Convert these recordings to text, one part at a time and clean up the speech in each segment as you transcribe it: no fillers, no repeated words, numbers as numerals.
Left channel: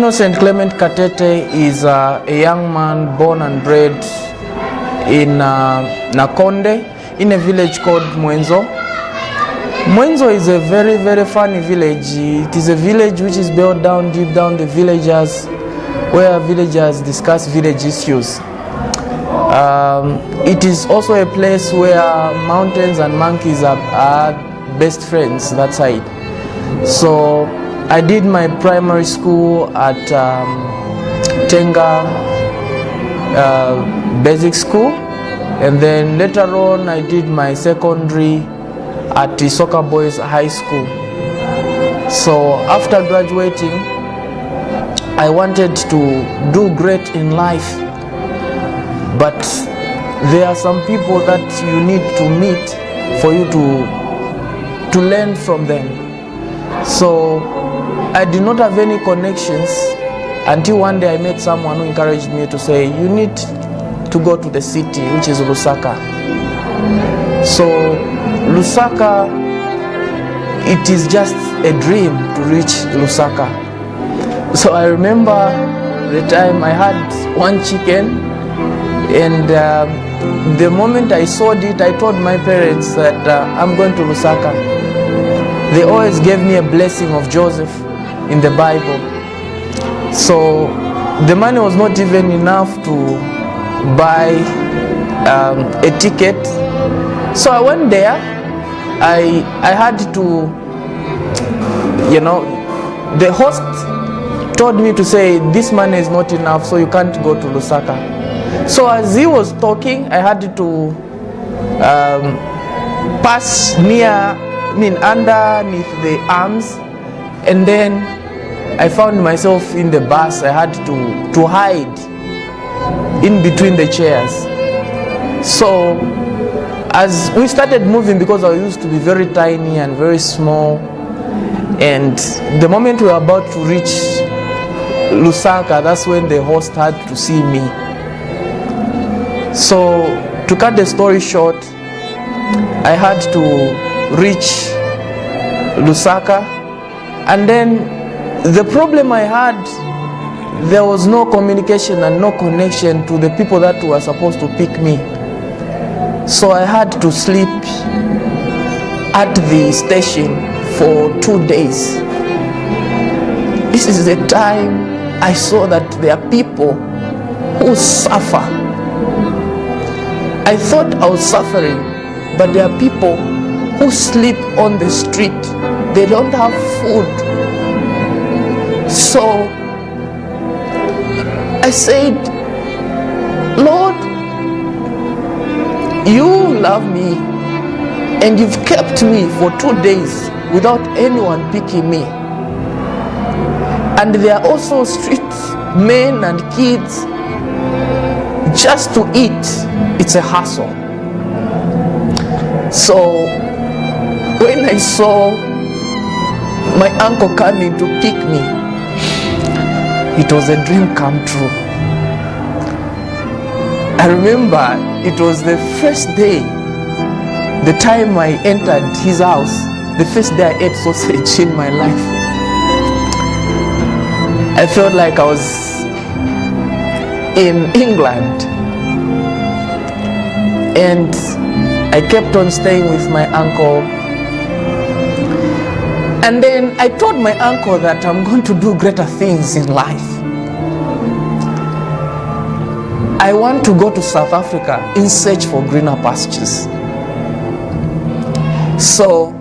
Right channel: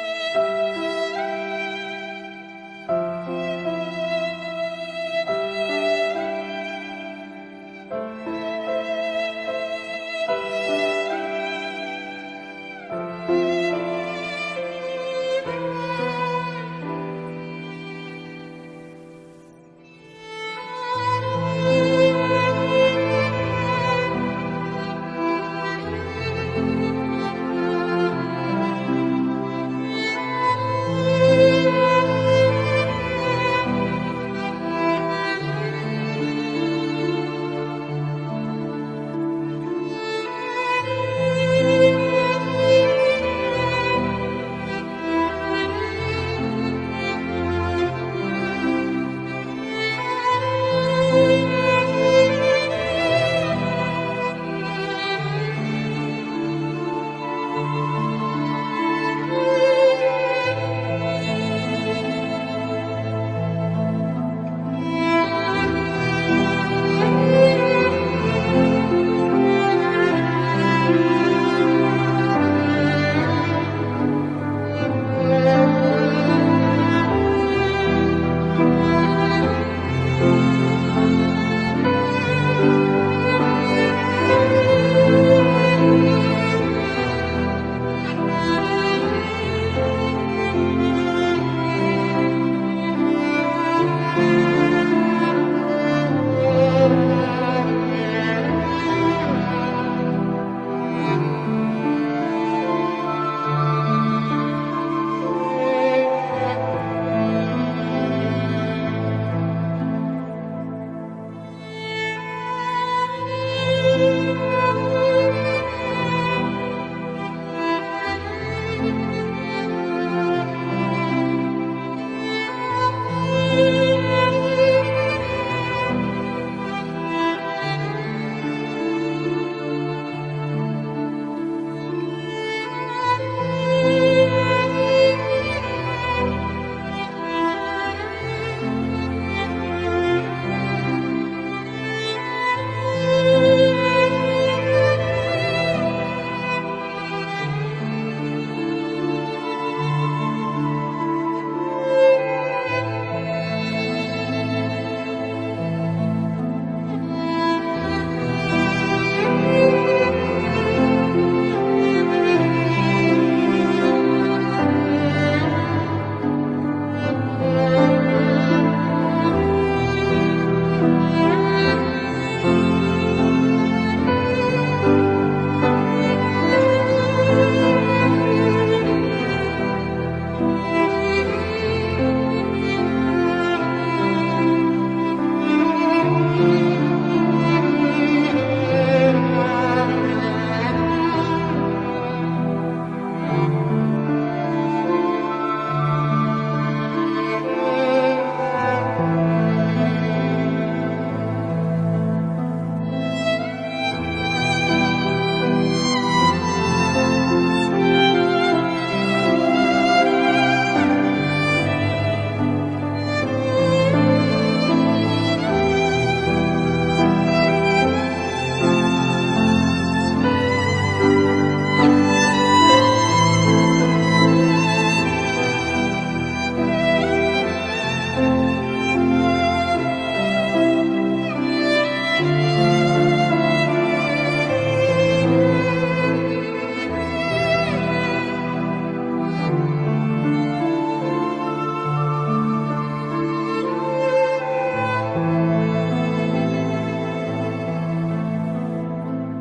Innocent Clement Katete is a young man born and bred in Nakonde, in a village called Mwanza. Mwanza is a very, very funny village. It is a village which is built down, deep down the villagers, where villagers discuss village issues. It is also a place where mountains and monkeys are best friends, that side. So I did my primary school at Tenga Basic School, and then later on I did my secondary at the Soccer Boys High School. So after graduating, I wanted to do great in life, but there are some people that you need to meet for you to learn from them. So I did not have any connections until one day I met someone who encouraged me to say, you need to go to the city, which is Lusaka. So Lusaka, it is just a dream to reach Lusaka. So I remember the time I had one chicken, and the moment I saw it, I told my parents that I'm going to Lusaka. They always gave me a blessing of Joseph in the Bible. So the money was not even enough to buy a ticket. So I went there. I had to, the host told me to say, this money is not enough, so you can't go to Lusaka. So as he was talking, I had to pass underneath the arms, and then I found myself in the bus. I had to hide in between the chairs. So as we started moving, because I used to be very tiny and very small, and the moment we were about to reach Lusaka, that's when the host had to see me. So to cut the story short, I had to reach Lusaka, and then the problem I had, there was no communication and no connection to the people that were supposed to pick me. So I had to sleep at the station for 2 days. This is the time I saw that there are people who suffer. I thought I was suffering, but there are people who sleep on the street. They don't have food. So I said, Lord, you love me, and you've kept me for 2 days without anyone picking me. And there are also street men and kids. Just to eat, it's a hassle. So when I saw my uncle coming to pick me, it was a dream come true. I remember it was the first day, the time I entered his house, the first day I ate sausage in my life. I felt like I was in England. And I kept on staying with my uncle. And then I told my uncle that I'm going to do greater things in life. I want to go to South Africa in search for greener pastures. So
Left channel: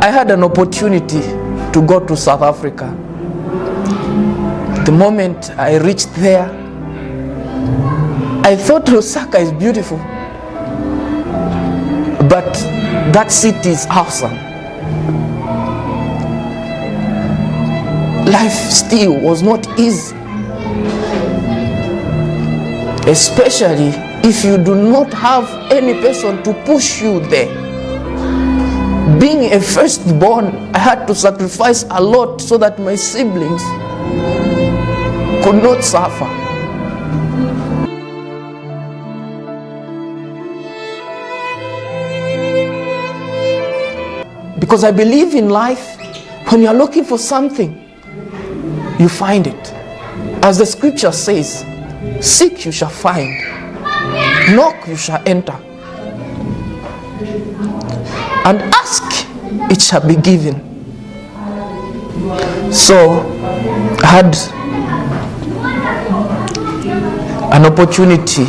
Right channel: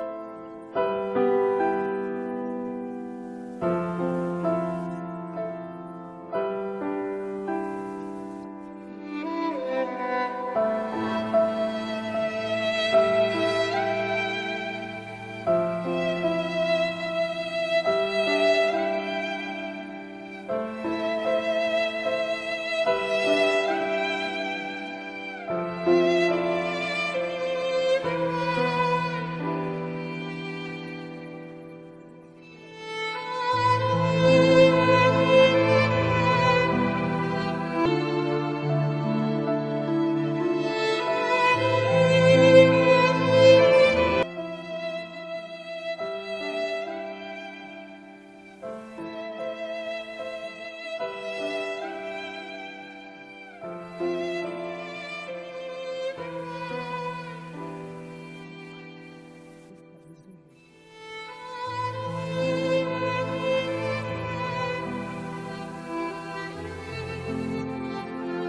I had an opportunity to go to South Africa. The moment I reached there, I thought Lusaka is beautiful, but that city is awesome. Life still was not easy, especially if you do not have any person to push you there. Being a firstborn, I had to sacrifice a lot so that my siblings could not suffer. Because I believe in life, when you're looking for something, you find it. As the scripture says, seek you shall find, knock you shall enter, and ask it shall be given. So I had an opportunity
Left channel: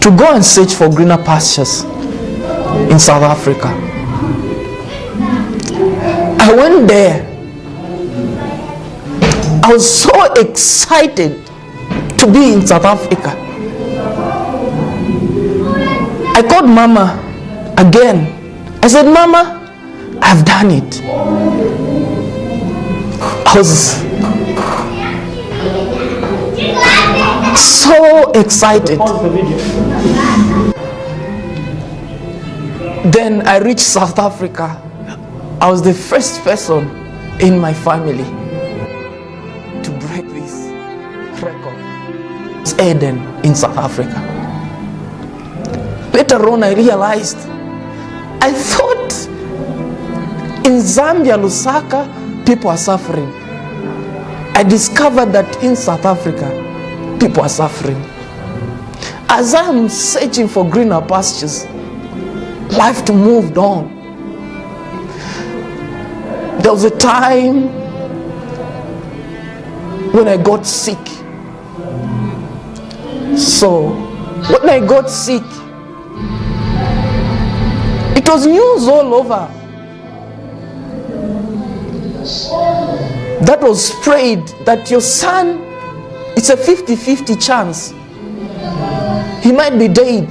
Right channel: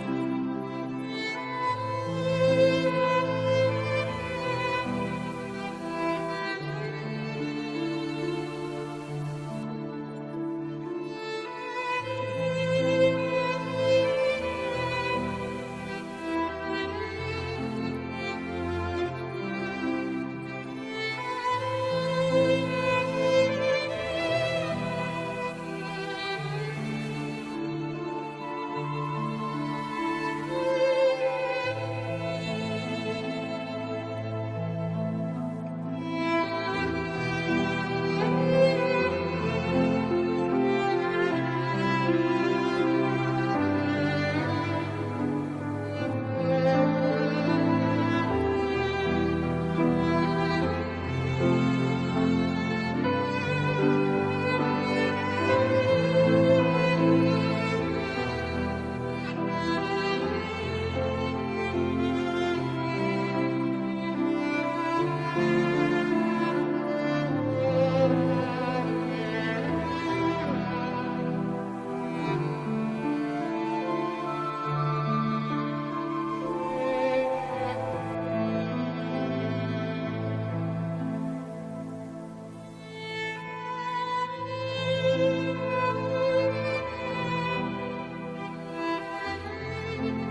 to go and search for greener pastures in South Africa. I went there. I was so excited to be in South Africa. I called Mama again. I said, Mama, I've done it. I was so excited. Then I reached South Africa. I was the first person in my family to break this record. It's Eden in South Africa. Later on I realized, I thought in Zambia, Lusaka, people are suffering. I discovered that in South Africa, people are suffering. As I'm searching for greener pastures, life moved on. There was a time when I got sick. So when I got sick, it was news all over. That was spread that your son, it's a 50-50 chance. He might be dead.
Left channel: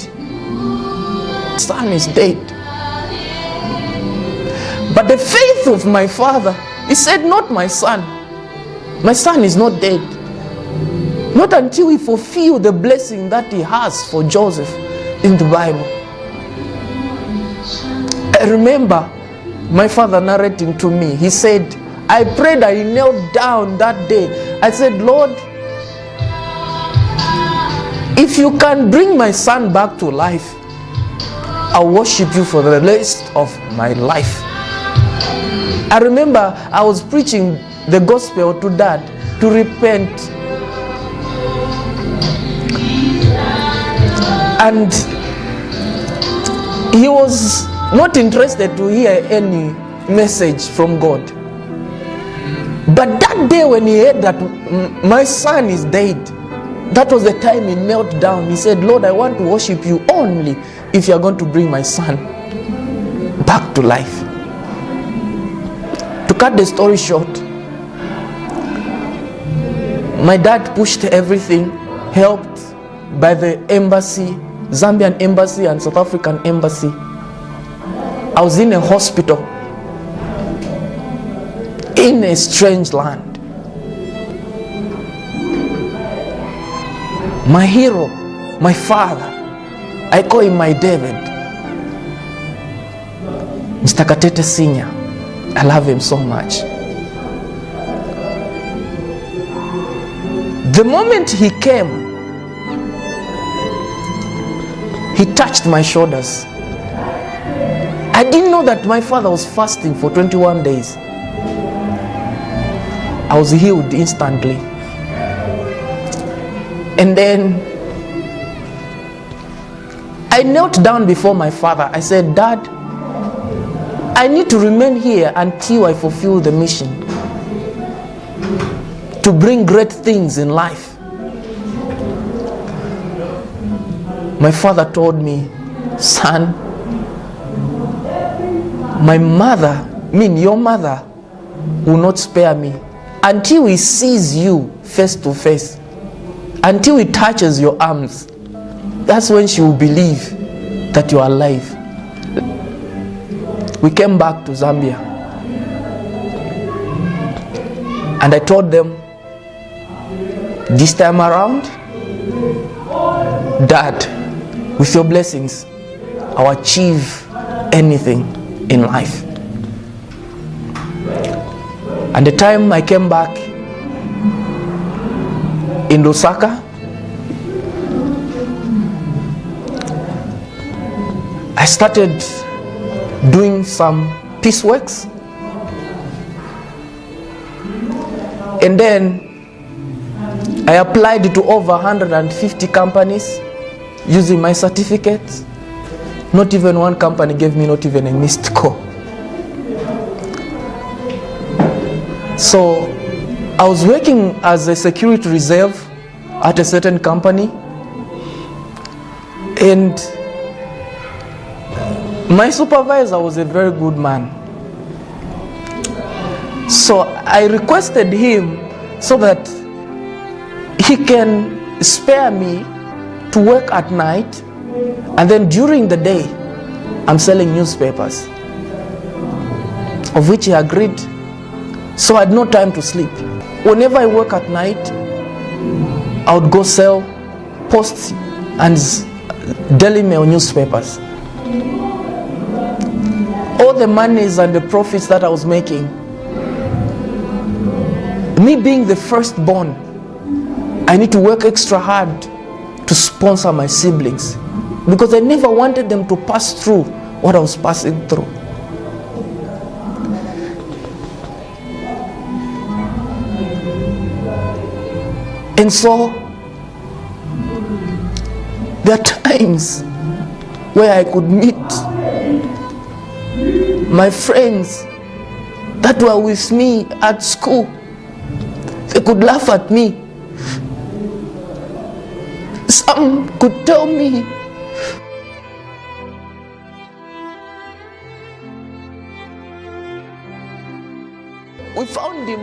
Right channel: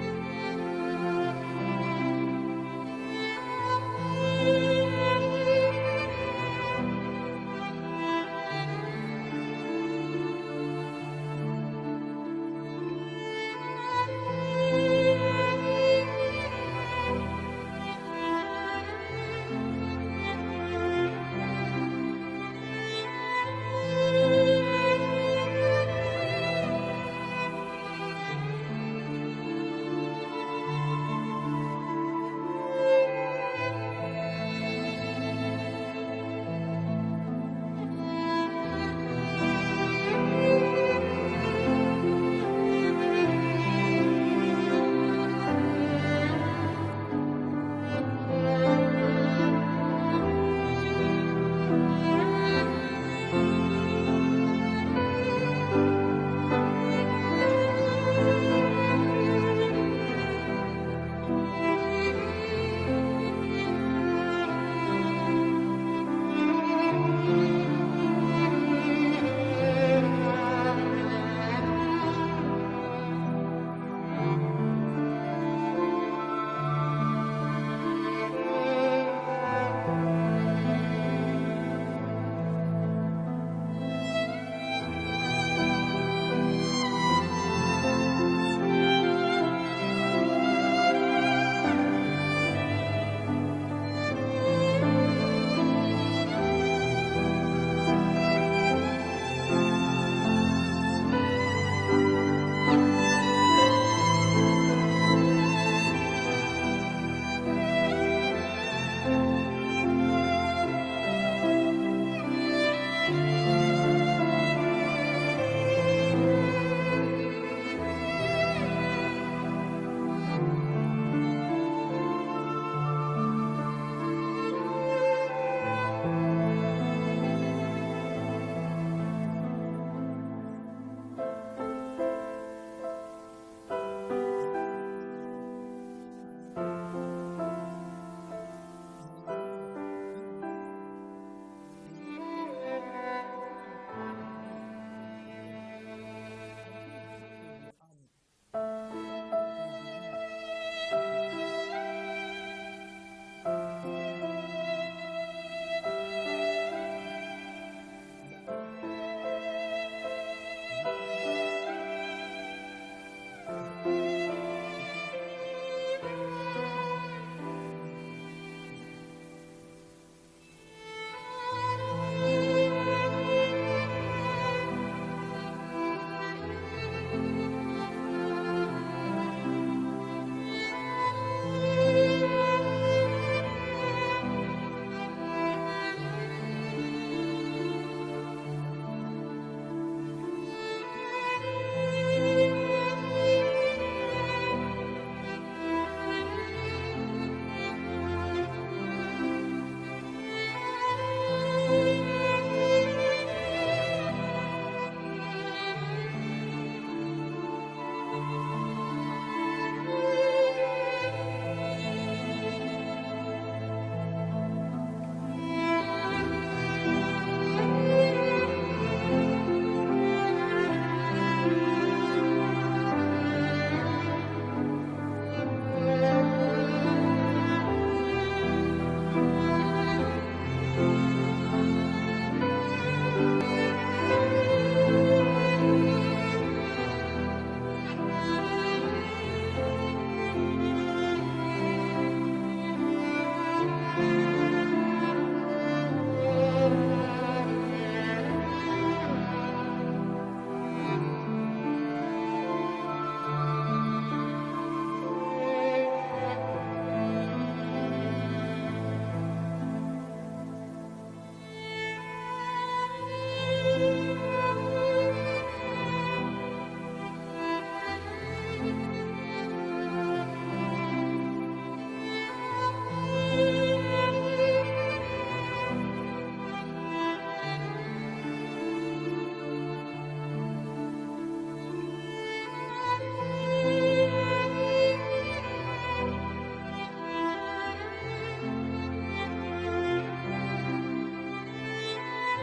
Son is dead. But the faith of my father, he said, not my son. My son is not dead. Not until he fulfill the blessing that he has for Joseph in the Bible. I remember my father narrating to me. He said, I prayed, I knelt down that day. I said, Lord, if you can bring my son back to life, I'll worship you for the rest of my life. I remember I was preaching the gospel to Dad to repent. And he was not interested to hear any message from God. But that day when he heard that my son is dead, that was the time he knelt down. He said, Lord, I want to worship you only if you are going to bring my son back to life. To cut the story short, my dad pushed everything, helped by the embassy, Zambian embassy and South African embassy. I was in a hospital in a strange land. My hero, my father, I call him my David, Mr. Katete Senior. I love him so much. The moment he came, he touched my shoulders. I didn't know that my father was fasting for 21 days. I was healed instantly. And then I knelt down before my father. I said, Dad, I need to remain here until I fulfill the mission to bring great things in life. My father told me, son, my mother, your mother, will not spare me until he sees you face to face, until he touches your arms. That's when she will believe that you are alive. We came back to Zambia, and I told them, this time around, Dad, with your blessings, I'll achieve anything in life. And the time I came back in Lusaka, I started doing some piece works. And then I applied to over 150 companies using my certificates. Not even one company gave me not even a missed call. So I was working as a security reserve at a certain company, and my supervisor was a very good man. So I requested him so that he can spare me to work at night, and then during the day I'm selling newspapers, of which he agreed. So I had no time to sleep. Whenever I work at night, I would go sell posts and daily mail newspapers. All the monies and the profits that I was making, me being the firstborn, I need to work extra hard to sponsor my siblings, because I never wanted them to pass through what I was passing through. And so there are times where I could meet my friends that were with me at school. They could laugh at me. Some could tell me, we found him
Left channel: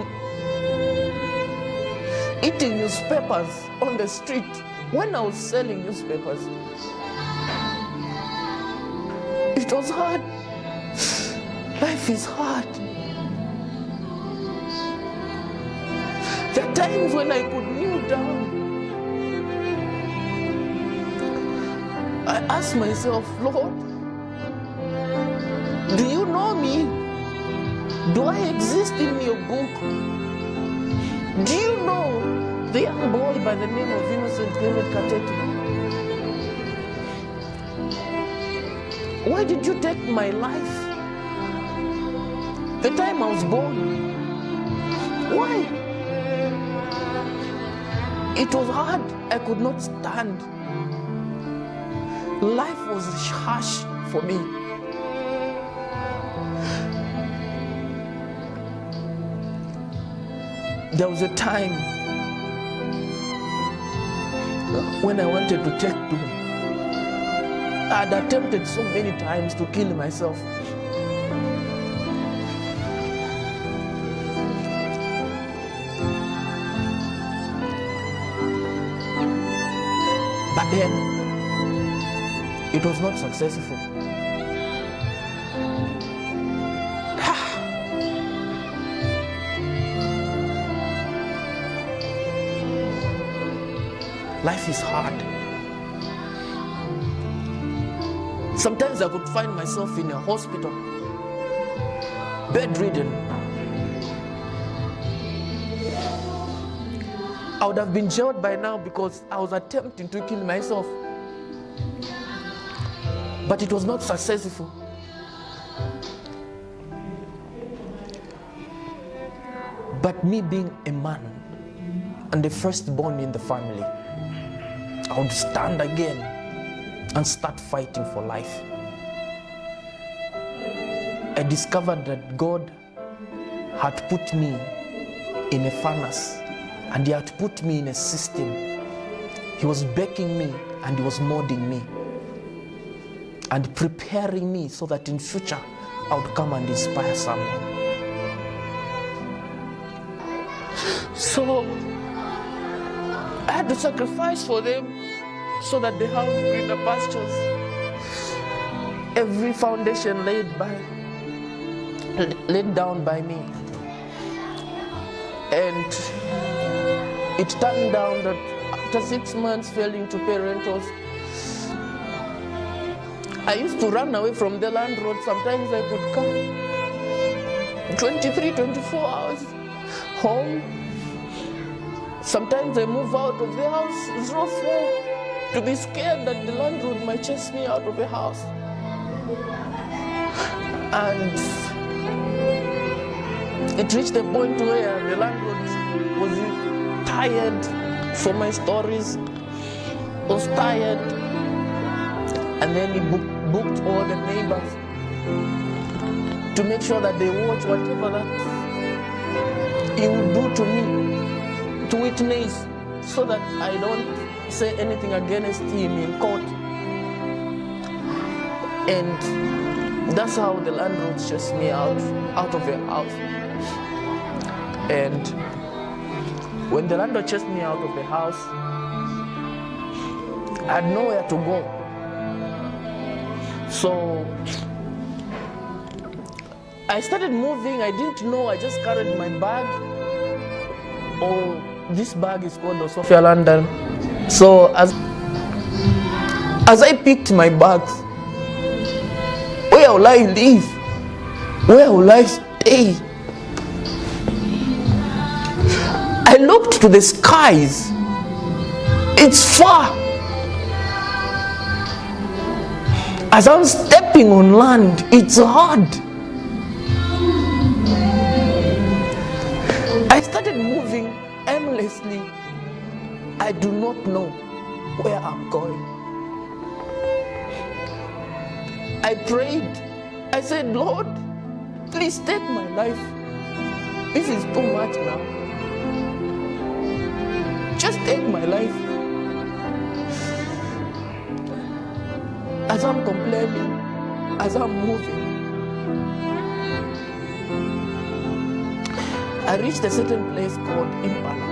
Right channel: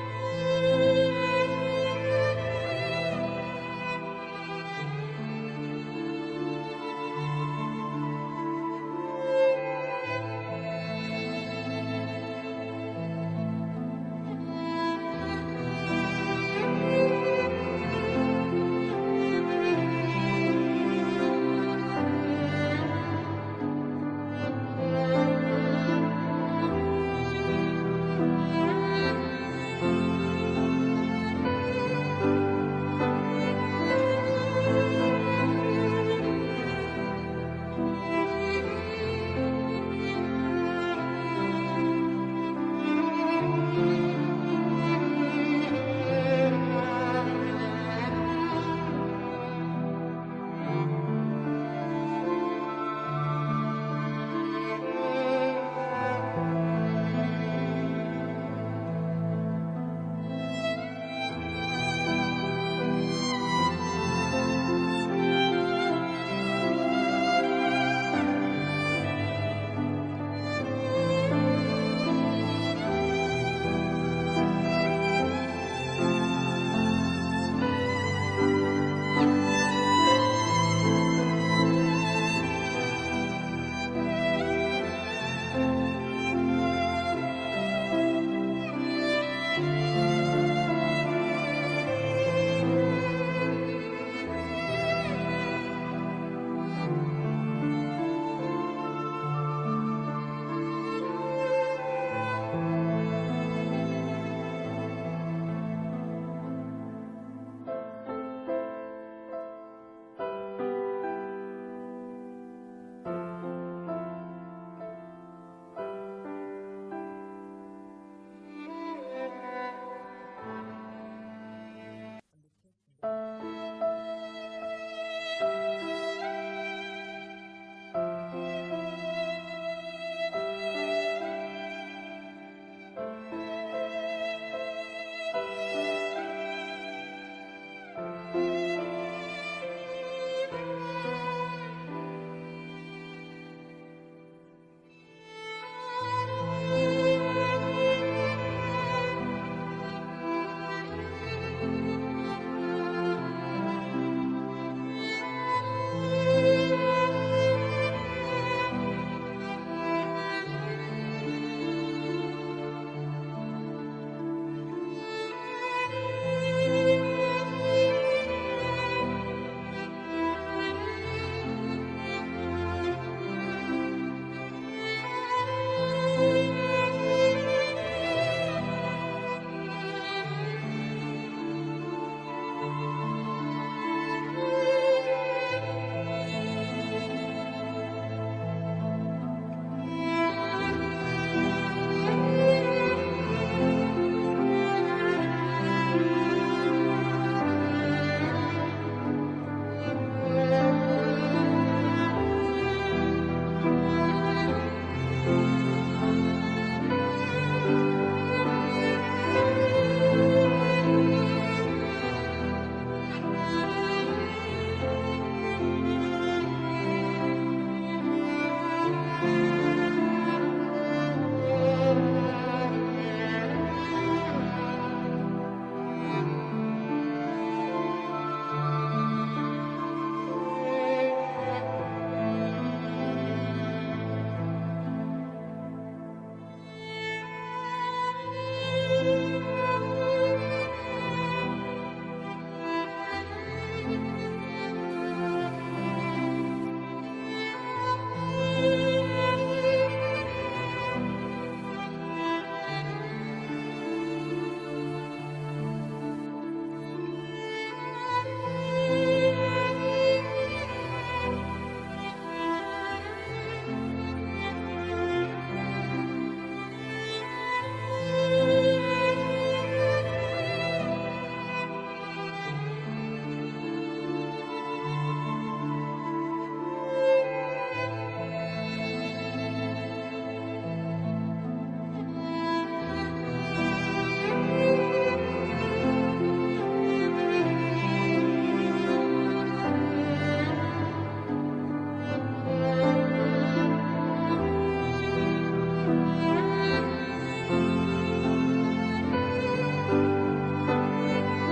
eating newspapers on the street when I was selling newspapers. It was hard. Life is hard. There are times when I could kneel down. I ask myself, Lord, do you know me? Do I exist in your book? Do you know the young boy by the name of Musa Katete? Why did you take my life? The time I was born? Why? It was hard. I could not stand. Life was harsh for me. There was a time when I wanted to take people. I had attempted so many times to kill myself. But then, it was not successful. Life is hard. Sometimes I could find myself in a hospital, bedridden. I would have been jailed by now because I was attempting to kill myself. But it was not successful. But me being a man and the firstborn in the family, I would stand again and start fighting for life. I discovered that God had put me in a furnace, and He had put me in a system. He was baking me and He was molding me and preparing me so that in future I would come and inspire someone. So I had to sacrifice for them so that they have greener pastures. Every foundation laid down by me. And it turned down that after 6 months failing to pay rentals, I used to run away from the landlord. Sometimes I could come 23, 24 hours home. Sometimes I move out of the house. It's not fair to be scared that the landlord might chase me out of the house. And it reached a point where the landlord tired from my stories, was tired, and then he booked all the neighbors to make sure that they watch whatever that he will do to me, to witness, so that I don't say anything against him in court. And that's how the landlord chased me out of the house. And when the landlord chased me out of the house, I had nowhere to go. So I started moving. I didn't know. I just carried my bag. Oh, this bag is called the Sophia London. So as I picked my bags, where will I live? Where will I stay? I looked to the skies. It's far. As I'm stepping on land, it's hard. I started moving aimlessly. I do not know where I'm going. I prayed. I said, Lord, please take my life. This is too much now. Just take my life. As I'm complaining, as I'm moving, I reached a certain place called Impact.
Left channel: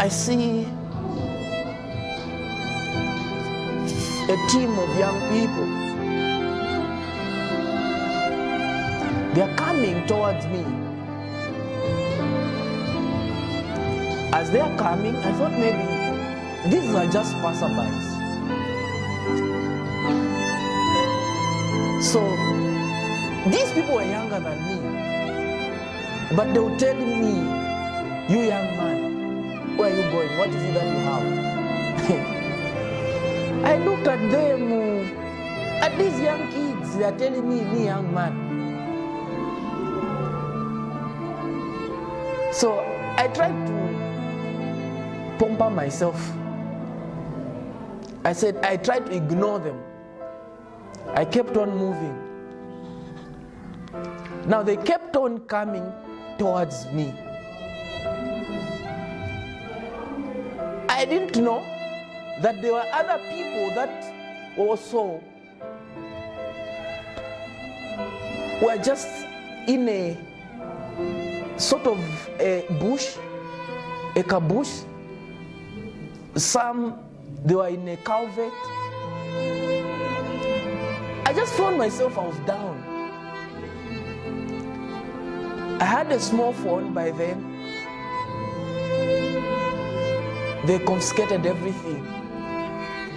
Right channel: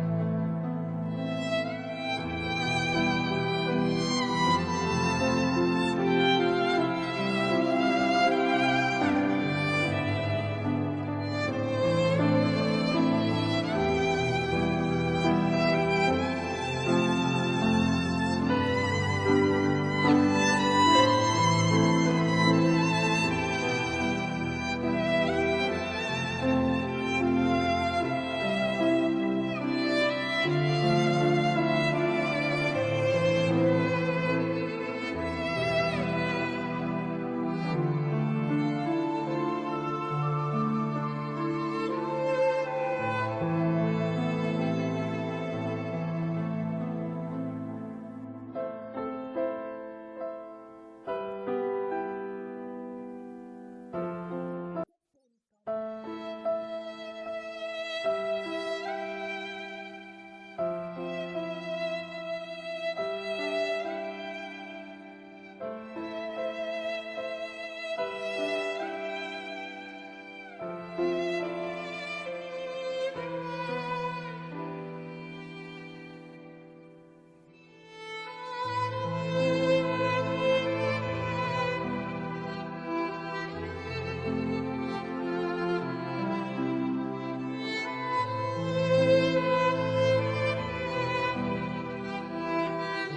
I see a team of young people. They are coming towards me. As they are coming, I thought maybe these are just passerbys. So these people were younger than me, but they were telling me, you young man, where are you going? What is it that you have? I looked at them, at these young kids, they are telling me, young man. So I tried to pamper myself. I said, I tried to ignore them. I kept on moving. Now they kept on coming towards me. I didn't know that there were other people that also were just in a sort of a bush, a caboose. Some, they were in a culvert. I just found myself, I was down. I had a small phone by then. They confiscated everything.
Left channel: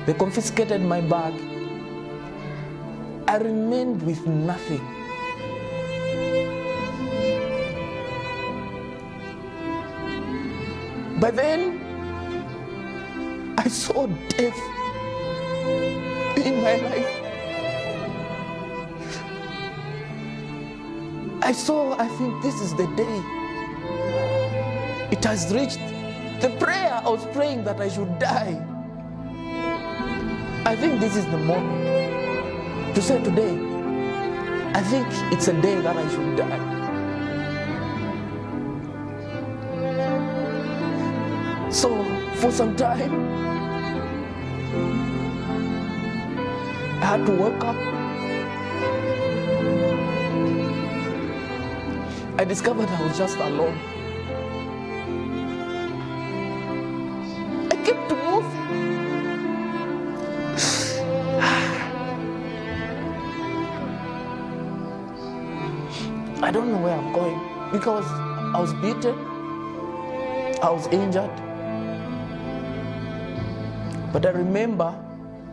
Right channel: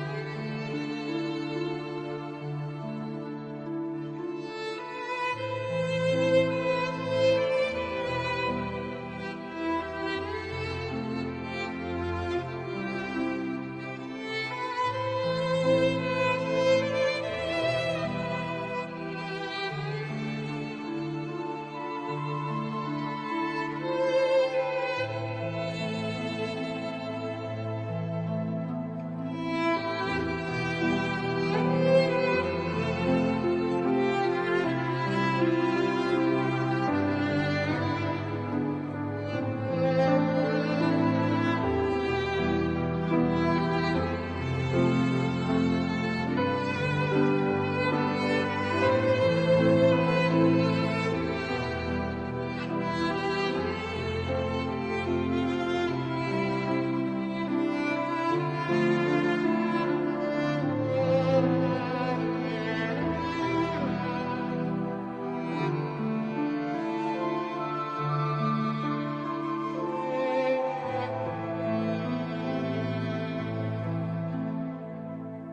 They confiscated my bag. I remained with nothing. But then I saw death in my life. I think this is the day. It has reached. The prayer I was praying that I should die. I think this is the moment to say today, I think it's a day that I should die. So for some time, I had to wake up. I discovered I was just alone. I kept to move. I don't know where I'm going because I was beaten, I was injured. But I remember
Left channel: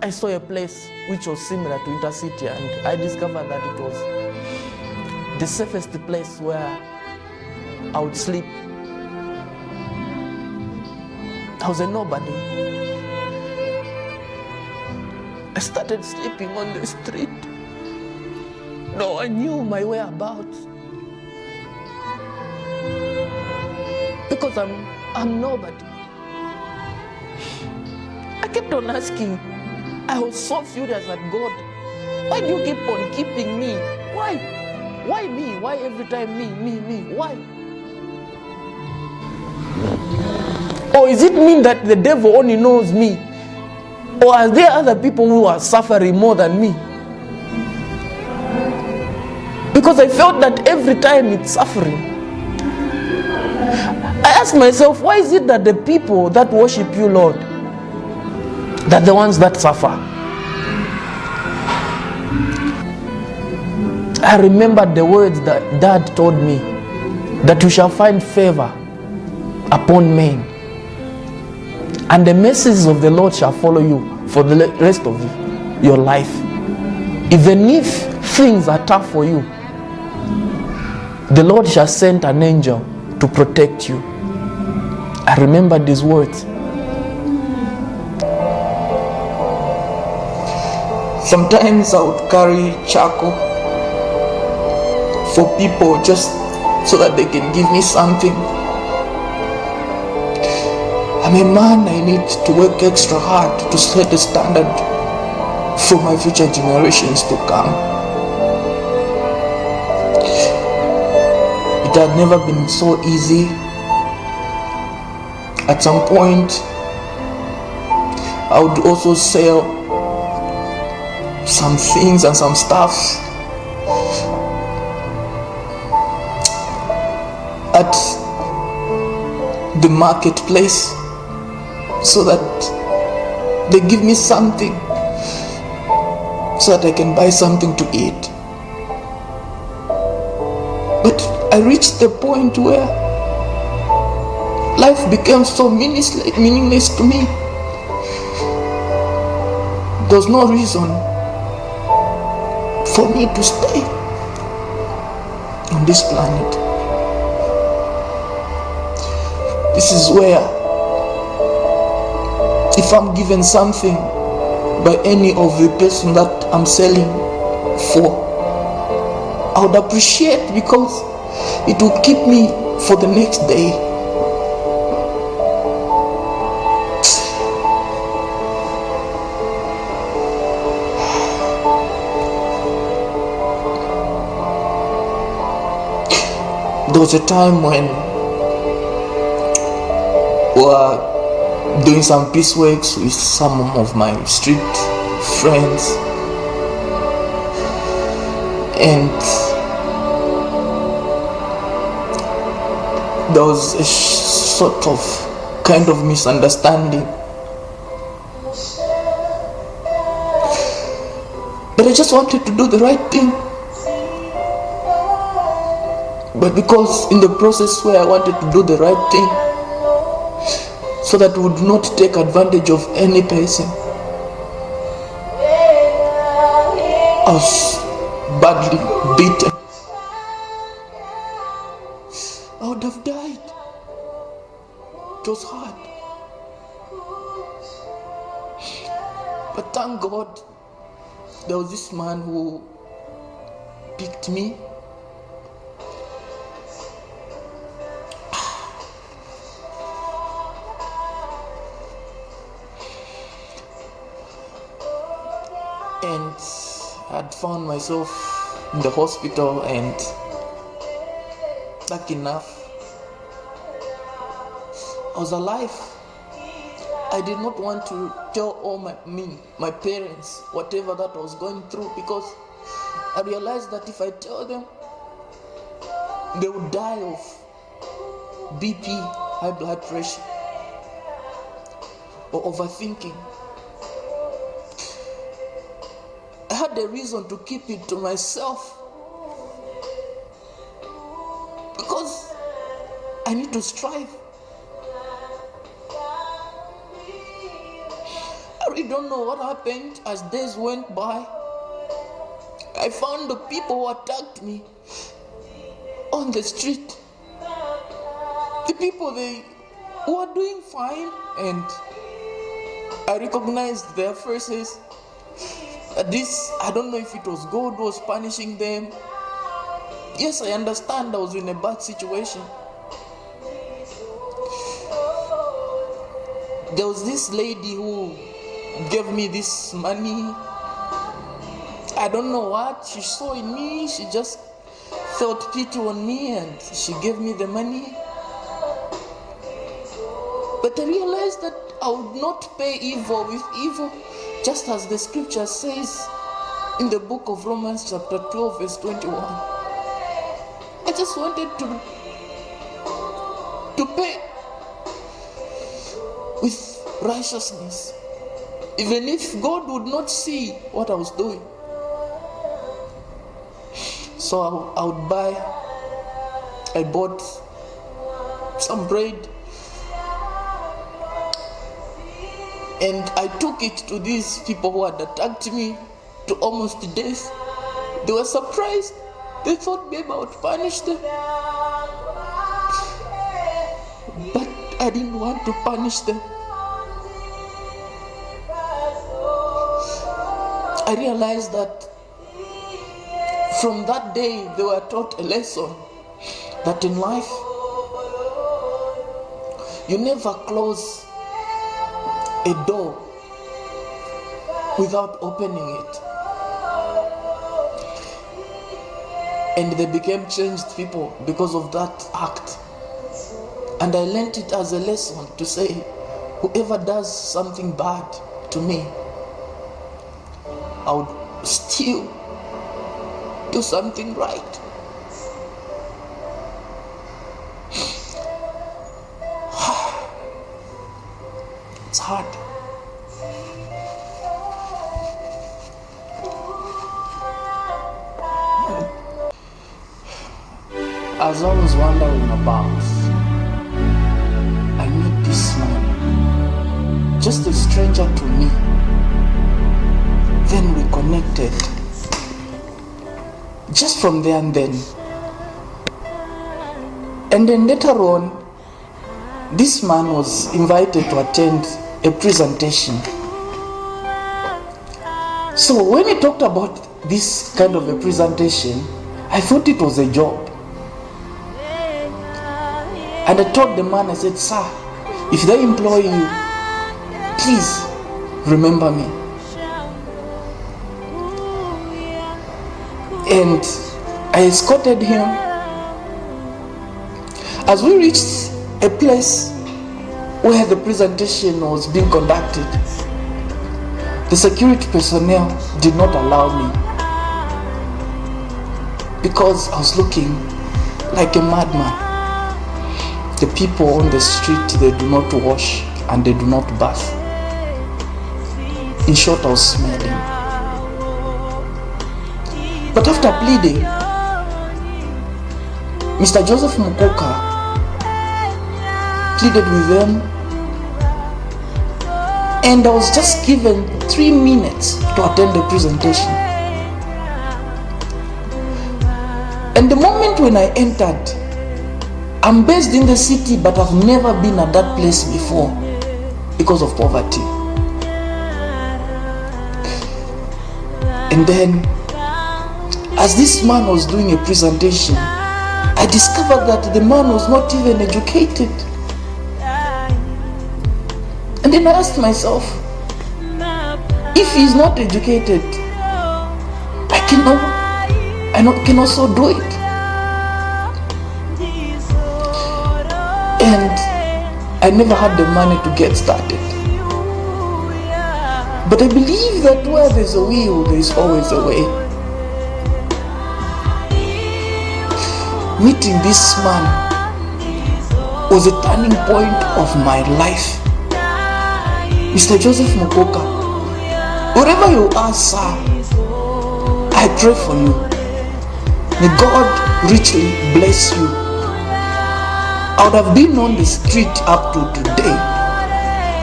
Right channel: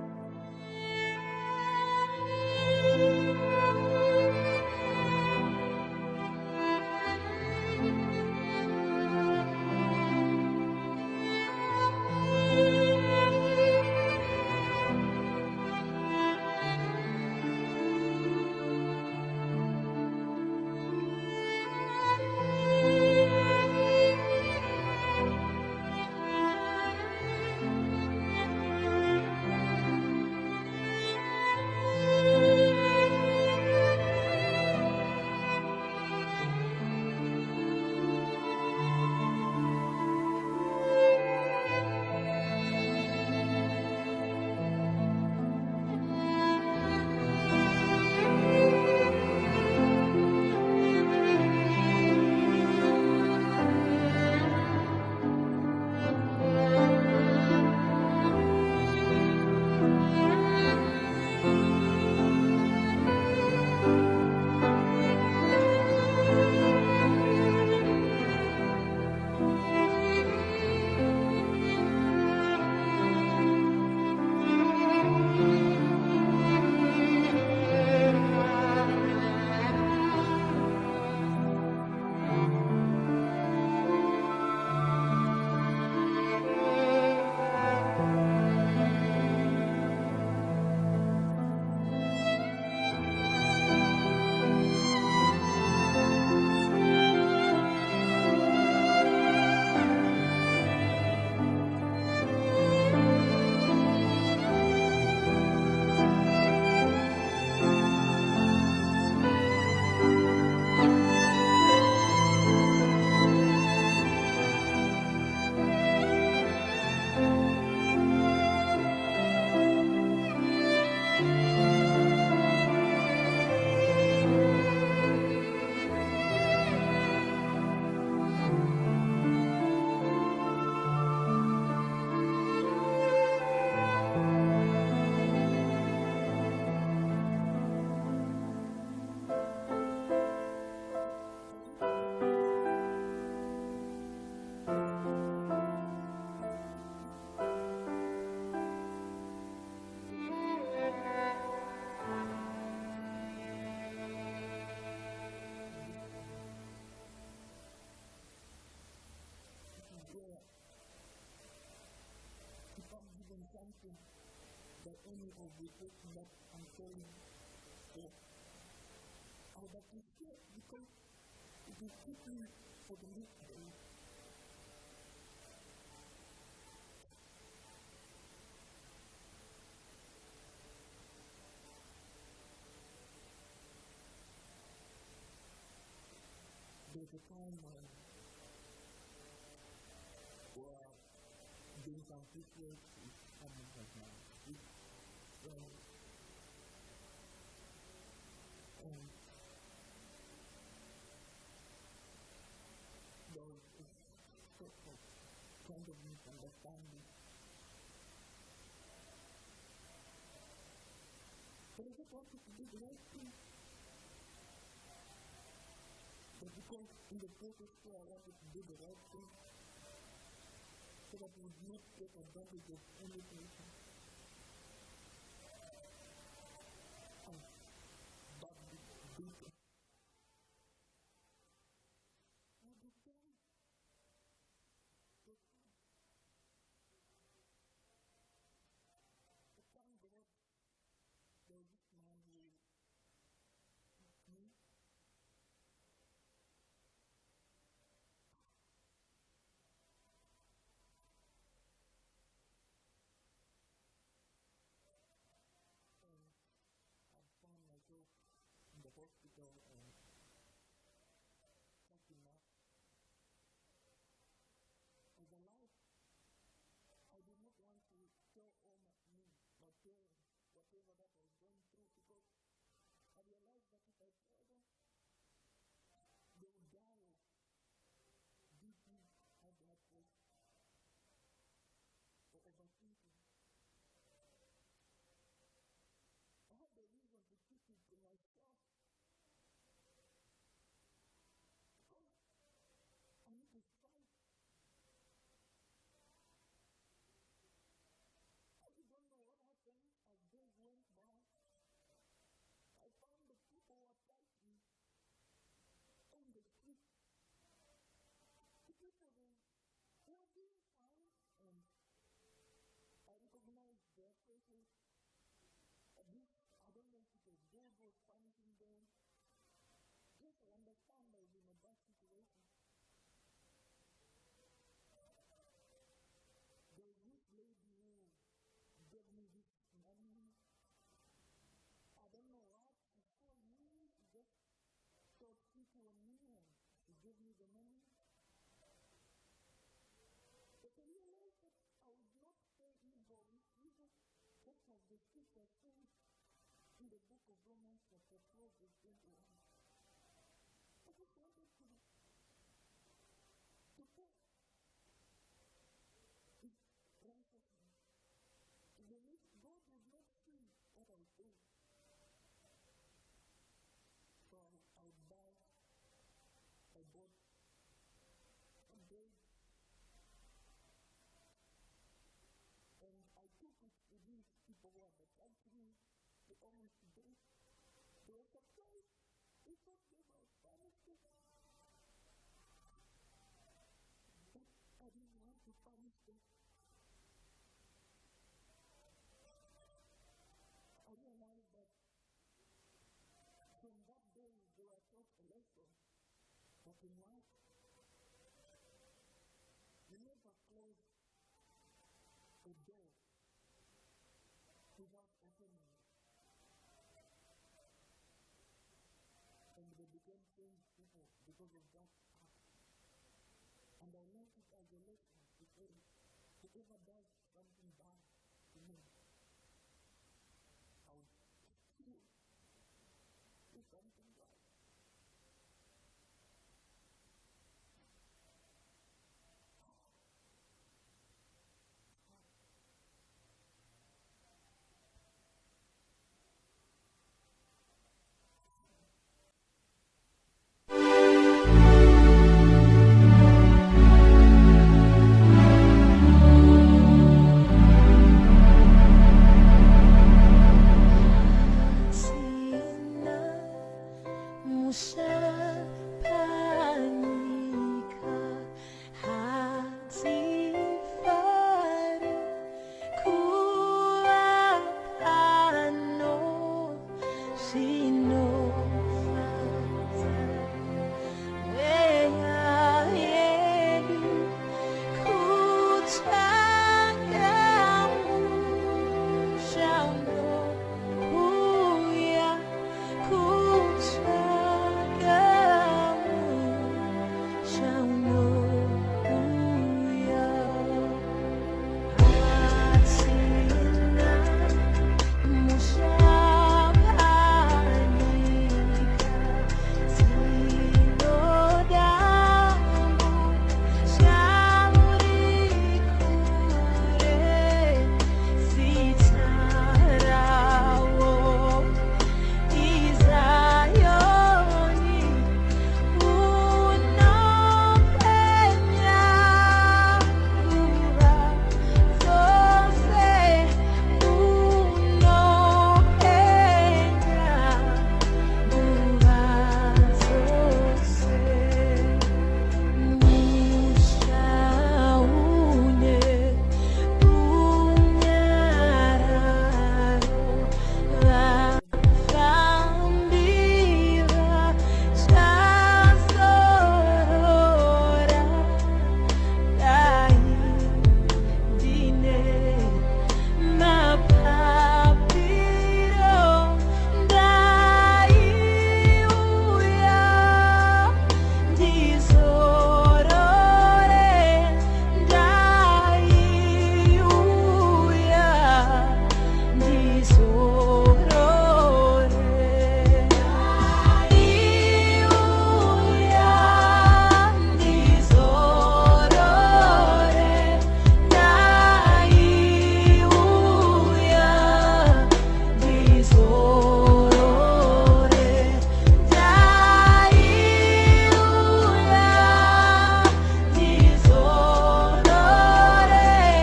I saw a place which was similar to Intercity, and I discovered that it was the safest place where I would sleep. I was a nobody. I started sleeping on the street. No one knew my whereabouts. Because I'm nobody. I kept on asking. I was so furious at God. Why do you keep on keeping me? Why? Why me? Why every time me? Why? Or is it mean that the devil only knows me? Or are there other people who are suffering more than me? Because I felt that every time it's suffering. I asked myself, why is it that the people that worship you, Lord, that the ones that suffer? I remembered the words that Dad told me, that you shall find favor upon men, and the mercies of the Lord shall follow you for the rest of your life. Even if things are tough for you, the Lord shall send an angel to protect you. I remember these words. Sometimes I would carry charcoal for people just so that they can give me something. I'm a man, I need to work extra hard to set a standard for my future generations to come. It had never been so easy. At some point, I would also sell some things and some stuff at the marketplace so that they give me something so that I can buy something to eat. But I reached the point where life became so meaningless to me. There was no reason for me to stay on this planet. This is where, if I'm given something by any of the person that I'm selling for, I would appreciate, because it will keep me for the next day. There was a time when we were doing some pieceworks with some of my street friends, and there was a sort of kind of misunderstanding. But I just wanted to do the right thing. But because in the process where I wanted to do the right thing, so that we would not take advantage of any person, I was badly beaten. I would have died. It was hard. But thank God, there was this man who picked me. And I'd found myself in the hospital, and lucky enough, I was alive. I did not want to tell all my parents whatever that I was going through, because I realized that if I tell them, they would die of BP, high blood pressure, or overthinking. I had a reason to keep it to myself, because I need to strive. I really don't know what happened. As days went by, I found the people who attacked me on the street. The people who are doing fine, and I recognized their faces. I don't know if it was God who was punishing them. Yes, I understand I was in a bad situation. There was this lady who gave me this money. I don't know what she saw in me. She just felt pity on me and she gave me the money. But I realized that I would not pay evil with evil, just as the scripture says in the book of Romans chapter 12 verse 21. I just wanted to pay with righteousness, even if God would not see what I was doing. So I bought some bread and I took it to these people who had attacked me to almost death. They were surprised. They thought maybe I would punish them. But I didn't want to punish them. I realized that from that day they were taught a lesson that in life you never close a door without opening it. And they became changed people because of that act. And I learned it as a lesson to say, whoever does something bad to me, I would still do something right. It's hard. As I was wondering about, I met this man, just a stranger to me. Then we connected. Just from there and then. And then later on, this man was invited to attend a presentation. So when he talked about this kind of a presentation, I thought it was a job. And I told the man, I said, sir, if they employ you, please remember me. And I escorted him. As we reached a place where the presentation was being conducted, the security personnel did not allow me because I was looking like a madman. The people on the street, they do not wash and they do not bath. In short, I was smelling. But after pleading, Mr. Joseph Mukoka pleaded with them, and I was just given 3 minutes to attend the presentation. And the moment when I entered, I'm based in the city, but I've never been at that place before because of poverty. And then, as this man was doing a presentation, I discovered that the man was not even educated. And then I asked myself, if he's not educated, I can also do it. And I never had the money to get started. But I believe that where there's a will, there's always a way. Meeting this man was a turning point of my life. Mr. Joseph Mukoka, wherever you are, sir, I pray for you. May God richly bless you. I would have been on the street up to today.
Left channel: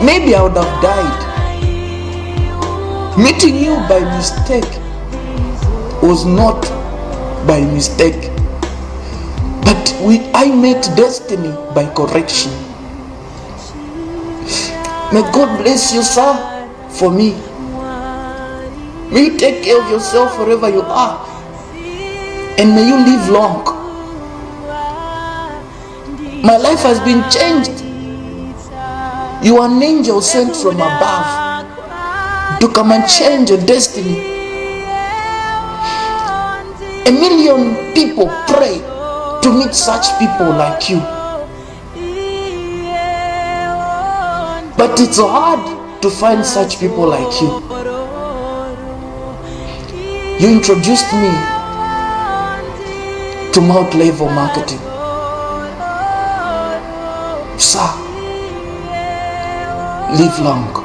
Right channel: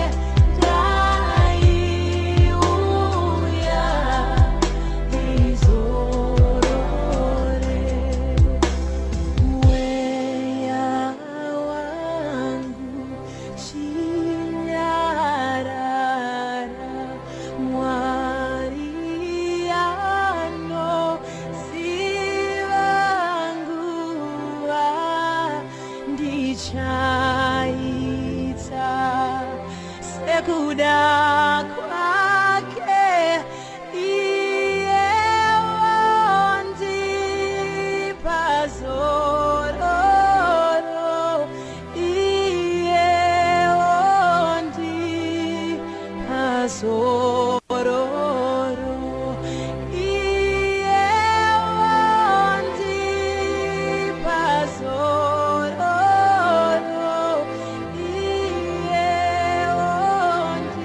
Maybe I would have died. Meeting you by mistake was not by mistake, but I met destiny by correction. May God bless you, sir, for me. May you take care of yourself wherever you are, and may you live long. My life has been changed. You are an angel sent from above to come and change your destiny. A million people pray to meet such people like you, but it's hard to find such people like you. You introduced me to multi-level marketing. Sir, live long.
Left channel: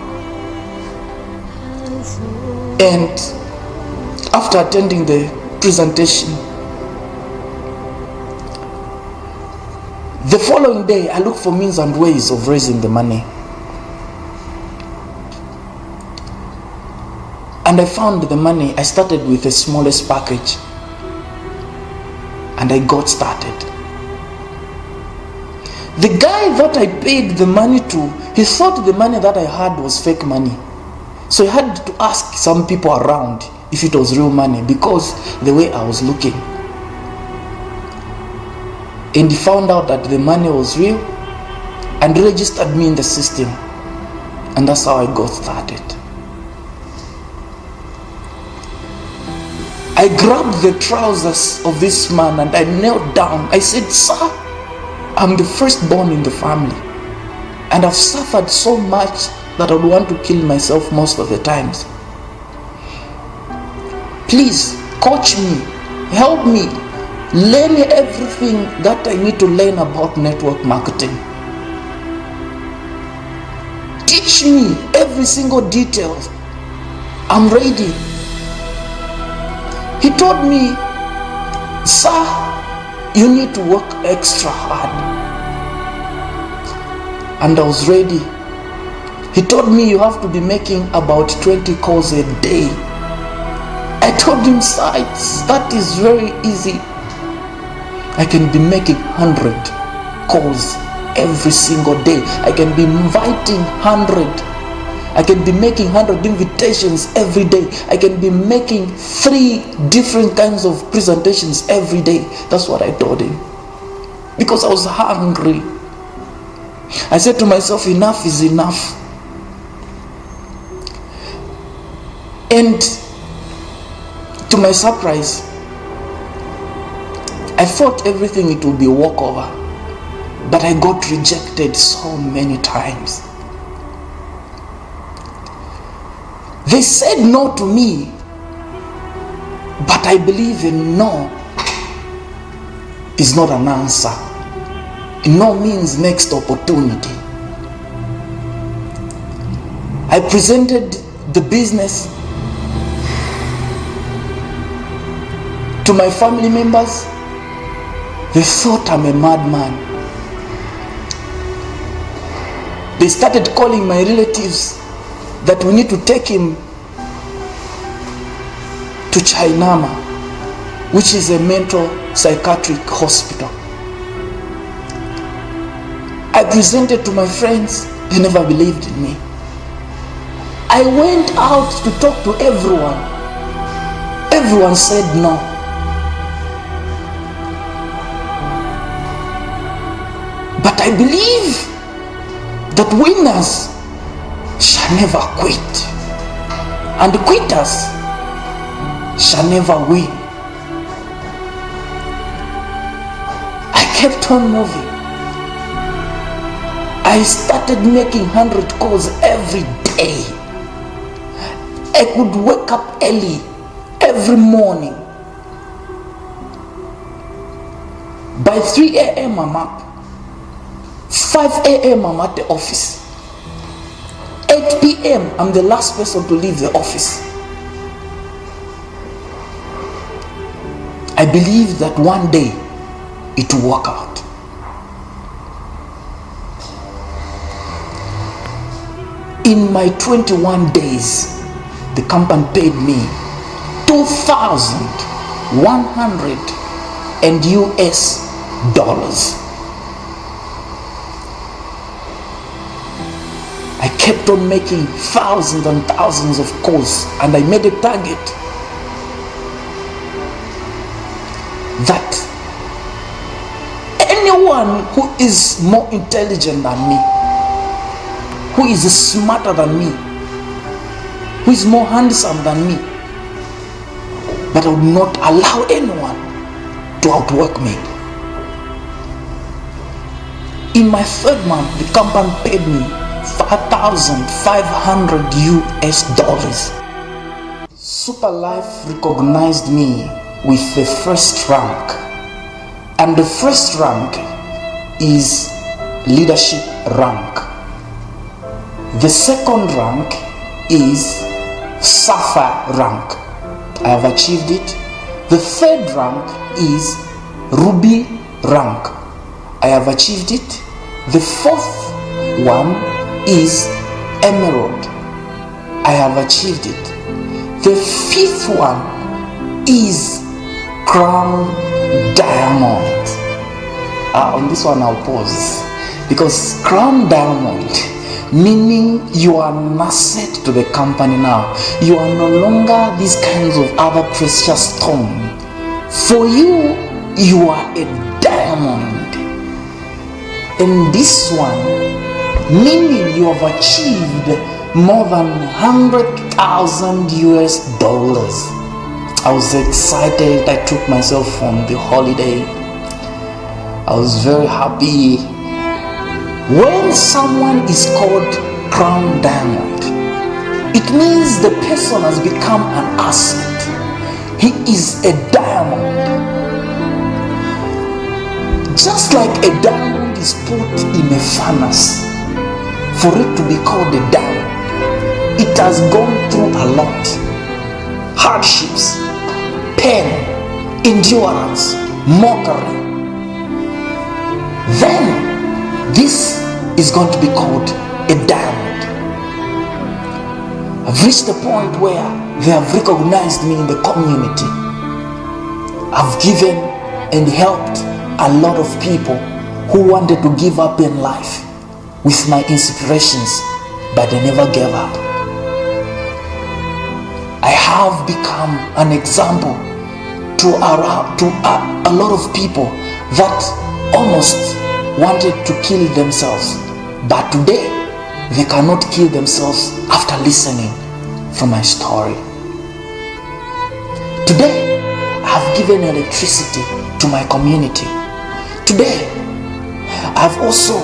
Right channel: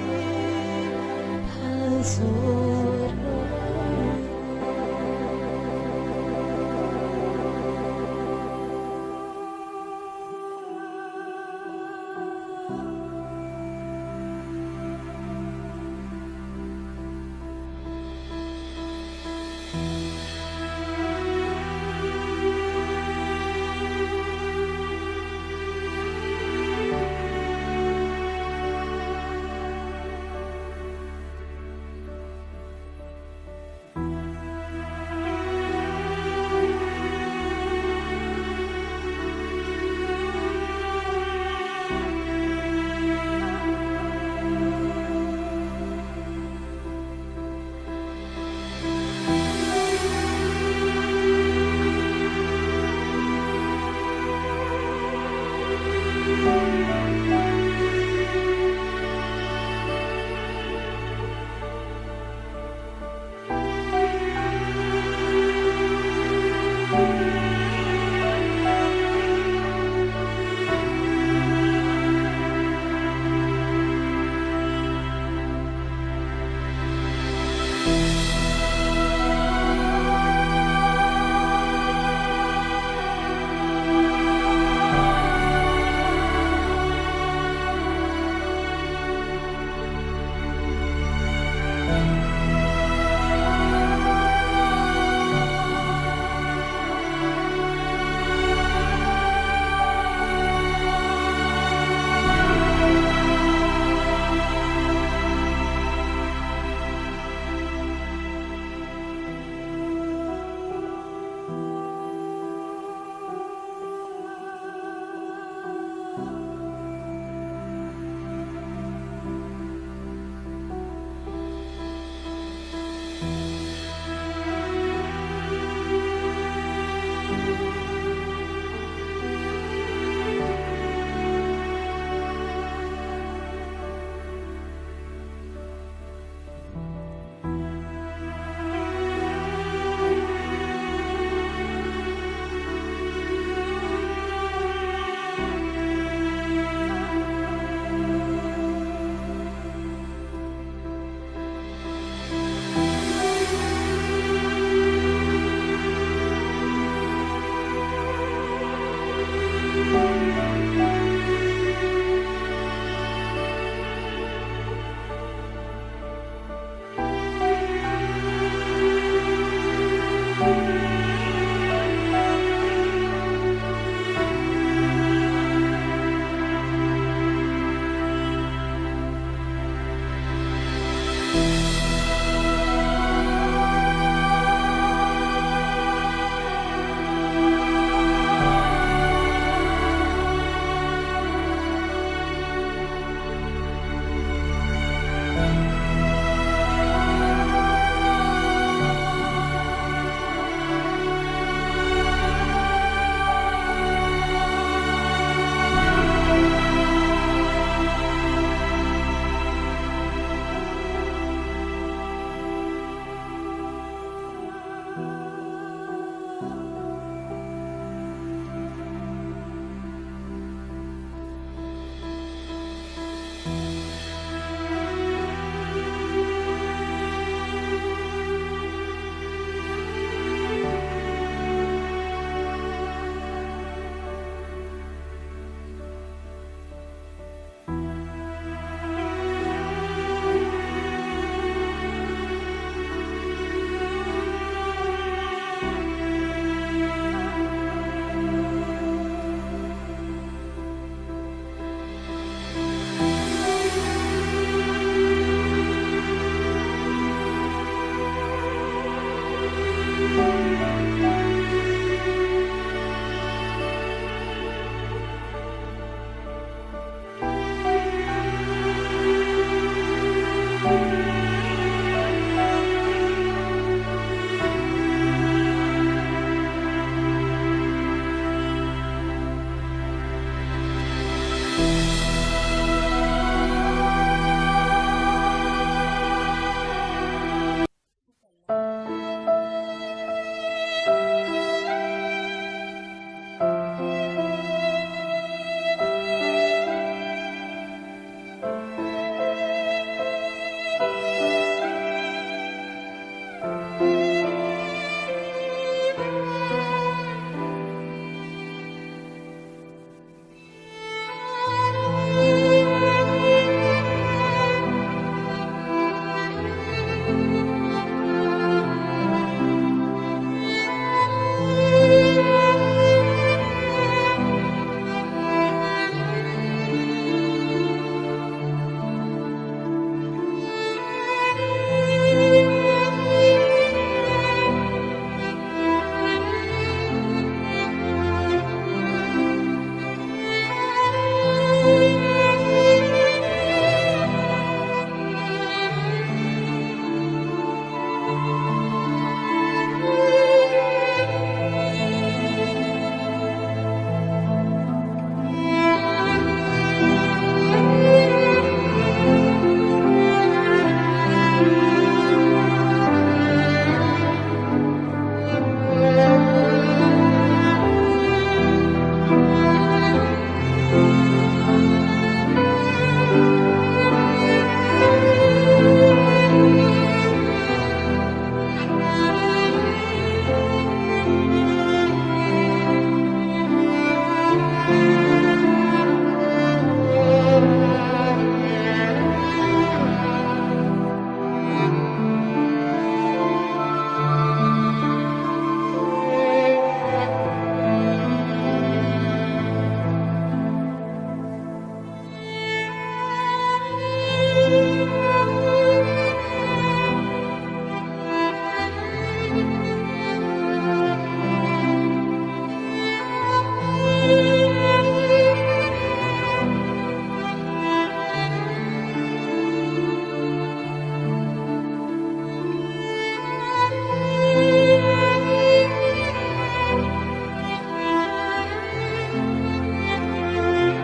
And after attending the presentation, the following day I looked for means and ways of raising the money. And I found the money. I started with the smallest package and I got started. The guy that I paid the money to, he thought the money that I had was fake money. So he had to ask some people around if it was real money because the way I was looking. And he found out that the money was real and registered me in the system. And that's how I got started. I grabbed the trousers of this man and I knelt down. I said, sir, I'm the firstborn in the family. And I've suffered so much that I would want to kill myself most of the times. Please, coach me, help me, learn everything that I need to learn about network marketing. Teach me every single detail. I'm ready. He told me, sir, you need to work extra hard. And I was ready. He told me you have to be making about 20 calls a day. I told him, sir, that is very easy. I can be making 100 calls every single day. I can be inviting 100. I can be making 100 invitations every day. I can be making 3 different kinds of presentations every day. That's what I told him. Because I was hungry. I said to myself, enough is enough. And to my surprise, I thought everything it would be a walkover. But I got rejected so many times. They said no to me, but I believe in no is not an answer. No means next opportunity. I presented the business to my family members. They thought I'm a madman. They started calling my relatives that we need to take him to Chainama, which is a mental psychiatric hospital. I presented to my friends. They never believed in me. I went out to talk to everyone. Everyone said no. But I believe that winners shall never quit, and quitters shall never win. I kept on moving. I started making 100 calls every day. I could wake up early every morning. By 3 a.m. I'm up. 5 a.m. I'm at the office. 8 p.m. I'm the last person to leave the office. I believe that one day it will work out. In my 21 days, the company paid me $2,100 and US dollars. I kept on making thousands and thousands of calls, and I made a target that anyone who is more intelligent than me, who is smarter than me, who is more handsome than me, but I would not allow anyone to outwork me. In my third month, the company paid me $5,500 US dollars. Superlife recognized me with the first rank, and the first rank is leadership rank. The second rank is sapphire rank. I have achieved it. The third rank is ruby rank. I have achieved it. The fourth one is emerald. I have achieved it. The fifth one is crown diamond. On this one I'll pause, because crown diamond, meaning you are an asset to the company now. You are no longer these kinds of other precious stone. For you, you are a diamond. And this one, meaning you have achieved more than 100,000 US dollars. I was excited. I took myself on the holiday. I was very happy. When someone is called crown diamond, it means the person has become an asset. He is a diamond. Just like a diamond is put in a furnace for it to be called a diamond, it has gone through a lot. Hardships, pain, endurance, mockery. Then this is going to be called a diamond. I've reached the point where they have recognized me in the community. I've given and helped a lot of people who wanted to give up in life with my inspirations, but they never gave up. I have become an example to a lot of people that almost wanted to kill themselves, but today they cannot kill themselves after listening from my story. Today I have given electricity to my community. Today I have also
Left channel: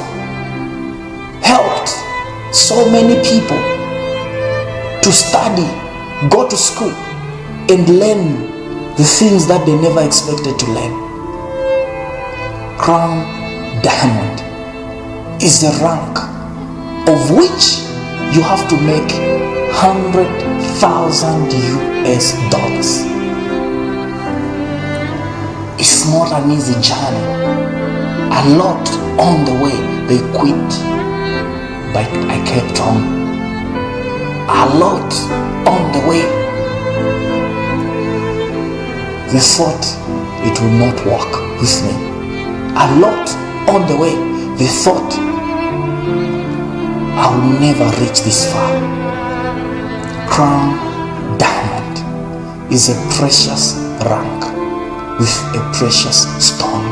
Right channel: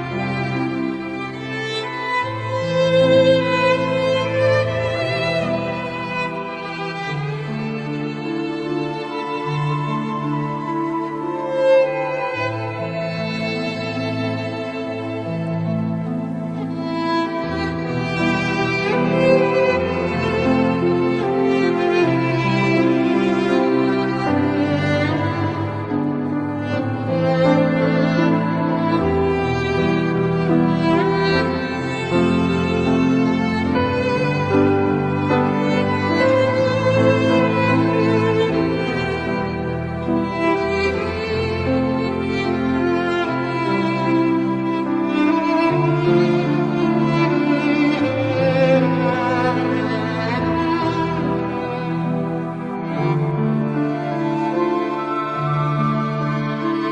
helped so many people to study, go to school, and learn the things that they never expected to learn. Crown diamond is the rank of which you have to make 100,000 US dollars. It's not an easy journey. A lot on the way they quit, but I kept on. A lot on the way they thought it would not work with me. A lot on the way they thought I will never reach this far. Crown diamond is a precious rank with a precious stone.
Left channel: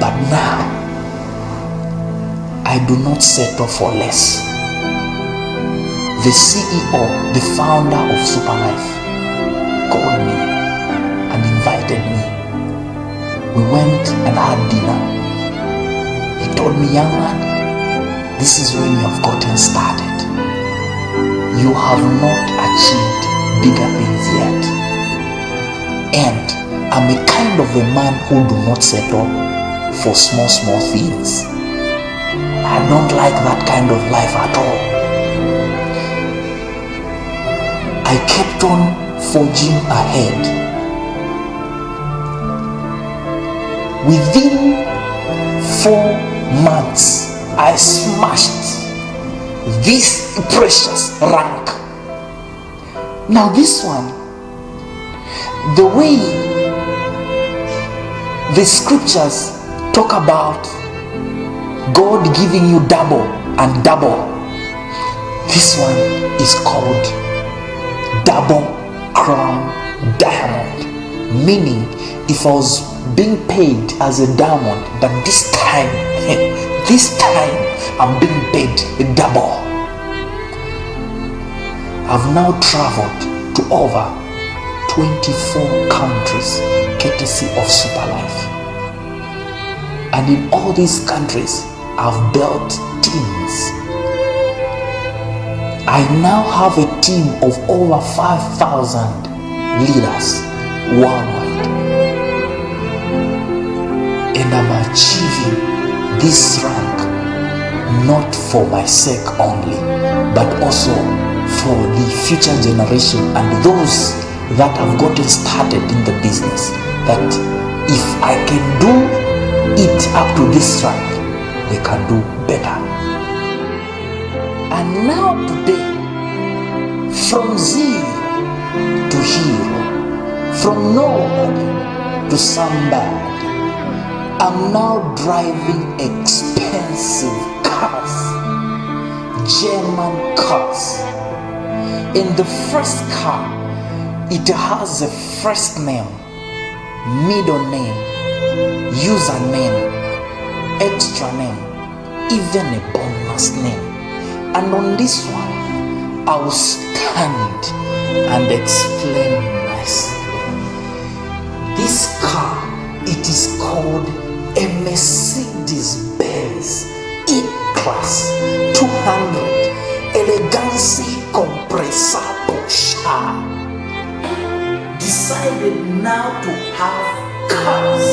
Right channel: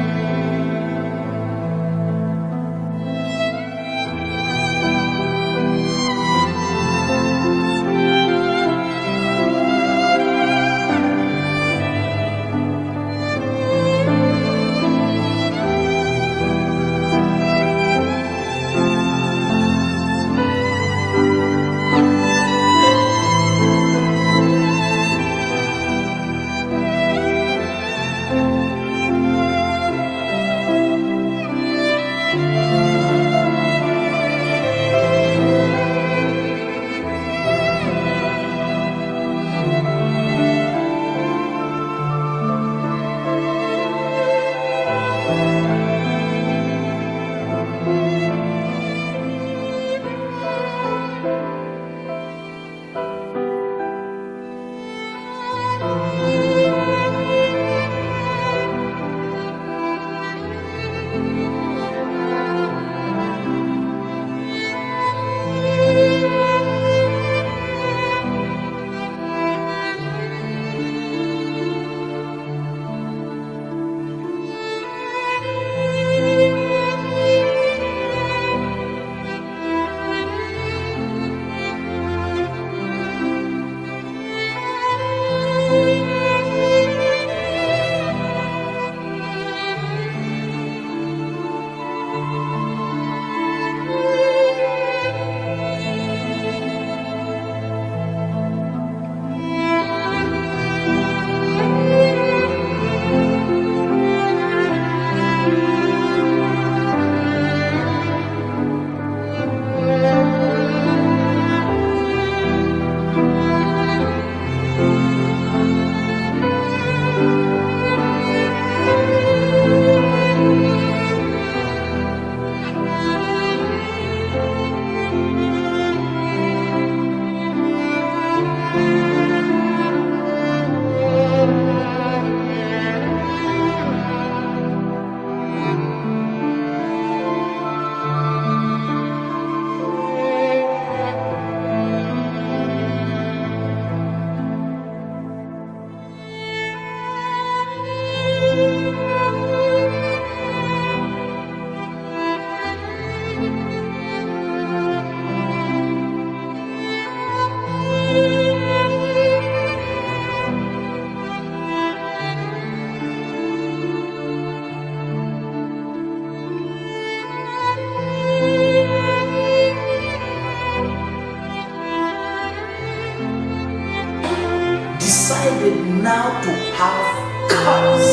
But now I do not settle for less. The CEO, the founder of Superlife, called me and invited me. We went and had dinner. He told me, young man, this is when you have gotten started. You have not achieved bigger things yet. And I'm a kind of a man who do not settle for small things. I don't like that kind of life at all. I kept on forging ahead. Within 4 months, I smashed this precious rank. Now this one, the way the scriptures talk about God giving you double and double, this one is called double crown diamond. Meaning, if I was being paid as a diamond, but this time I'm being paid a double. I've now traveled to over 24 countries courtesy of Superlife. And in all these countries, I've built teams. I now have a team of over 5,000 leaders worldwide. And I'm achieving this rank not for my sake only, but also for the future generation and those that have gotten started in the business, that if I can do it up to this rank, they can do better. And now today, from zero to hero, from nobody to somebody, I'm now driving expensive cars, German cars. In the first car, it has a first name, middle name, username, extra name, even a bonus name. And on this one, I'll stand and explain myself. This car, it is called a Mercedes-Benz E-Class 200 Elegancy Compressor Porsche. Decided now to have cars.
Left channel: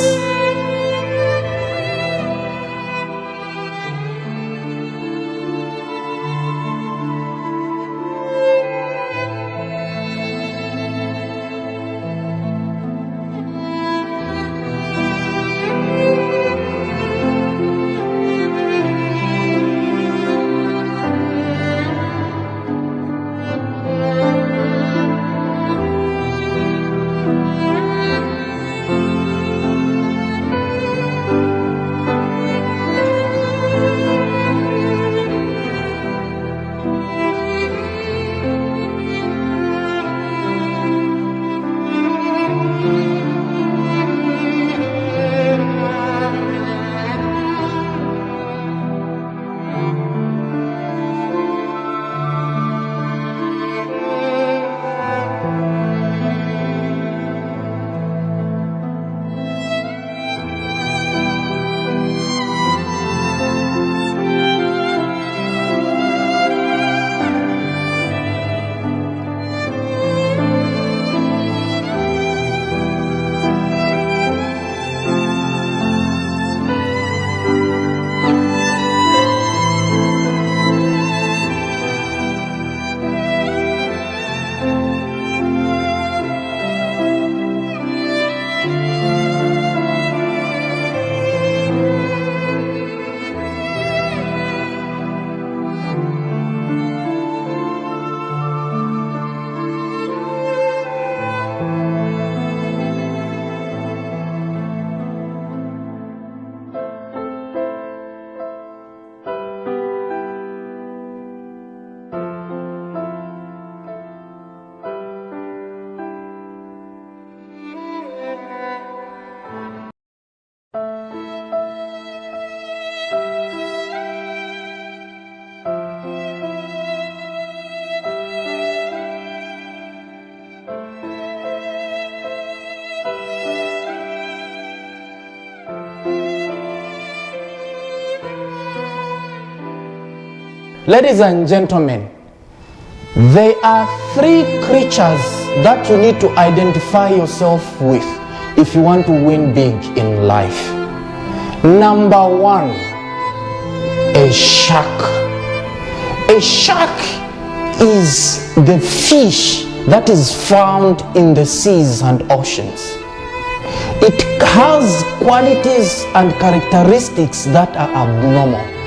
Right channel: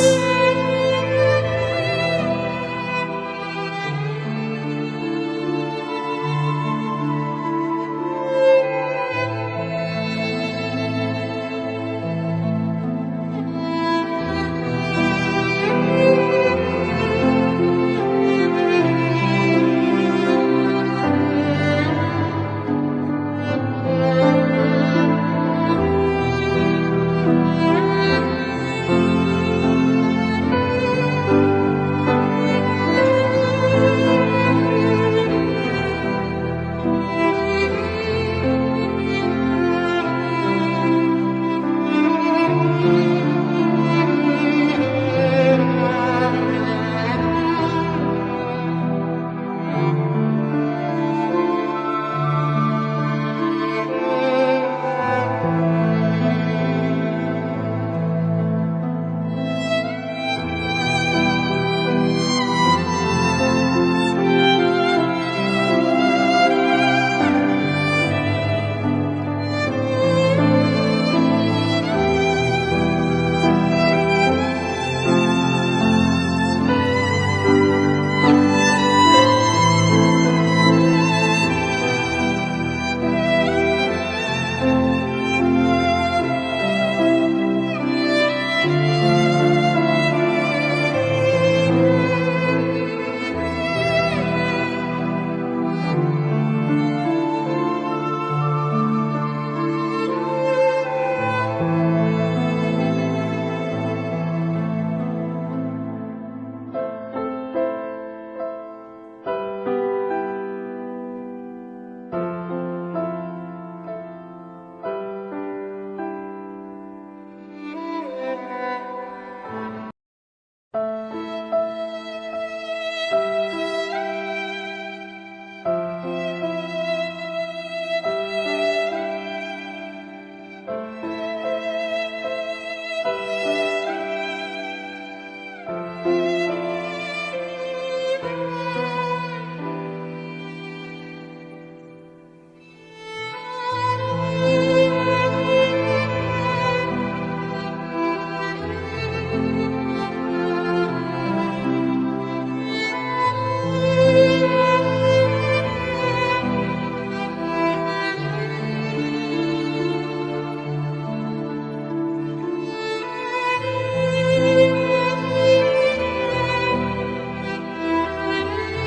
Ladies and gentlemen, there are three creatures that you need to identify yourself with if you want to win big in life. Number one, a shark. A shark is the fish that is found in the seas and oceans. It has qualities and characteristics that are abnormal.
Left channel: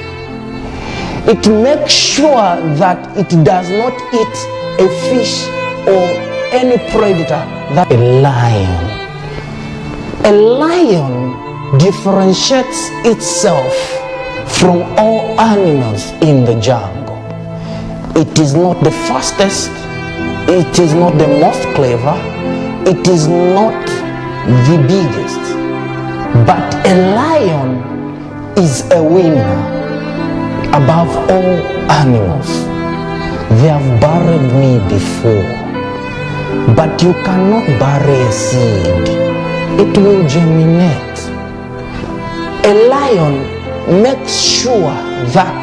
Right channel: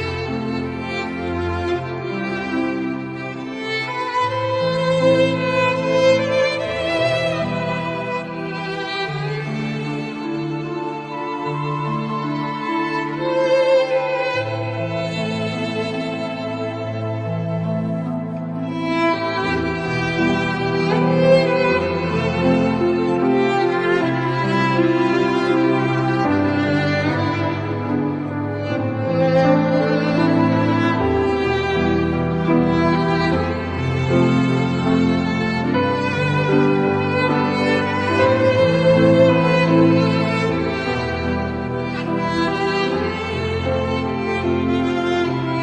It makes sure that it does not eat a fish or any predator. That a lion differentiates itself from all animals in the jungle. It is not the fastest, it is not the most clever, it is not the biggest, but a lion is a winner above all animals. They have buried me before, but you cannot bury a seed. It will germinate. A lion makes sure that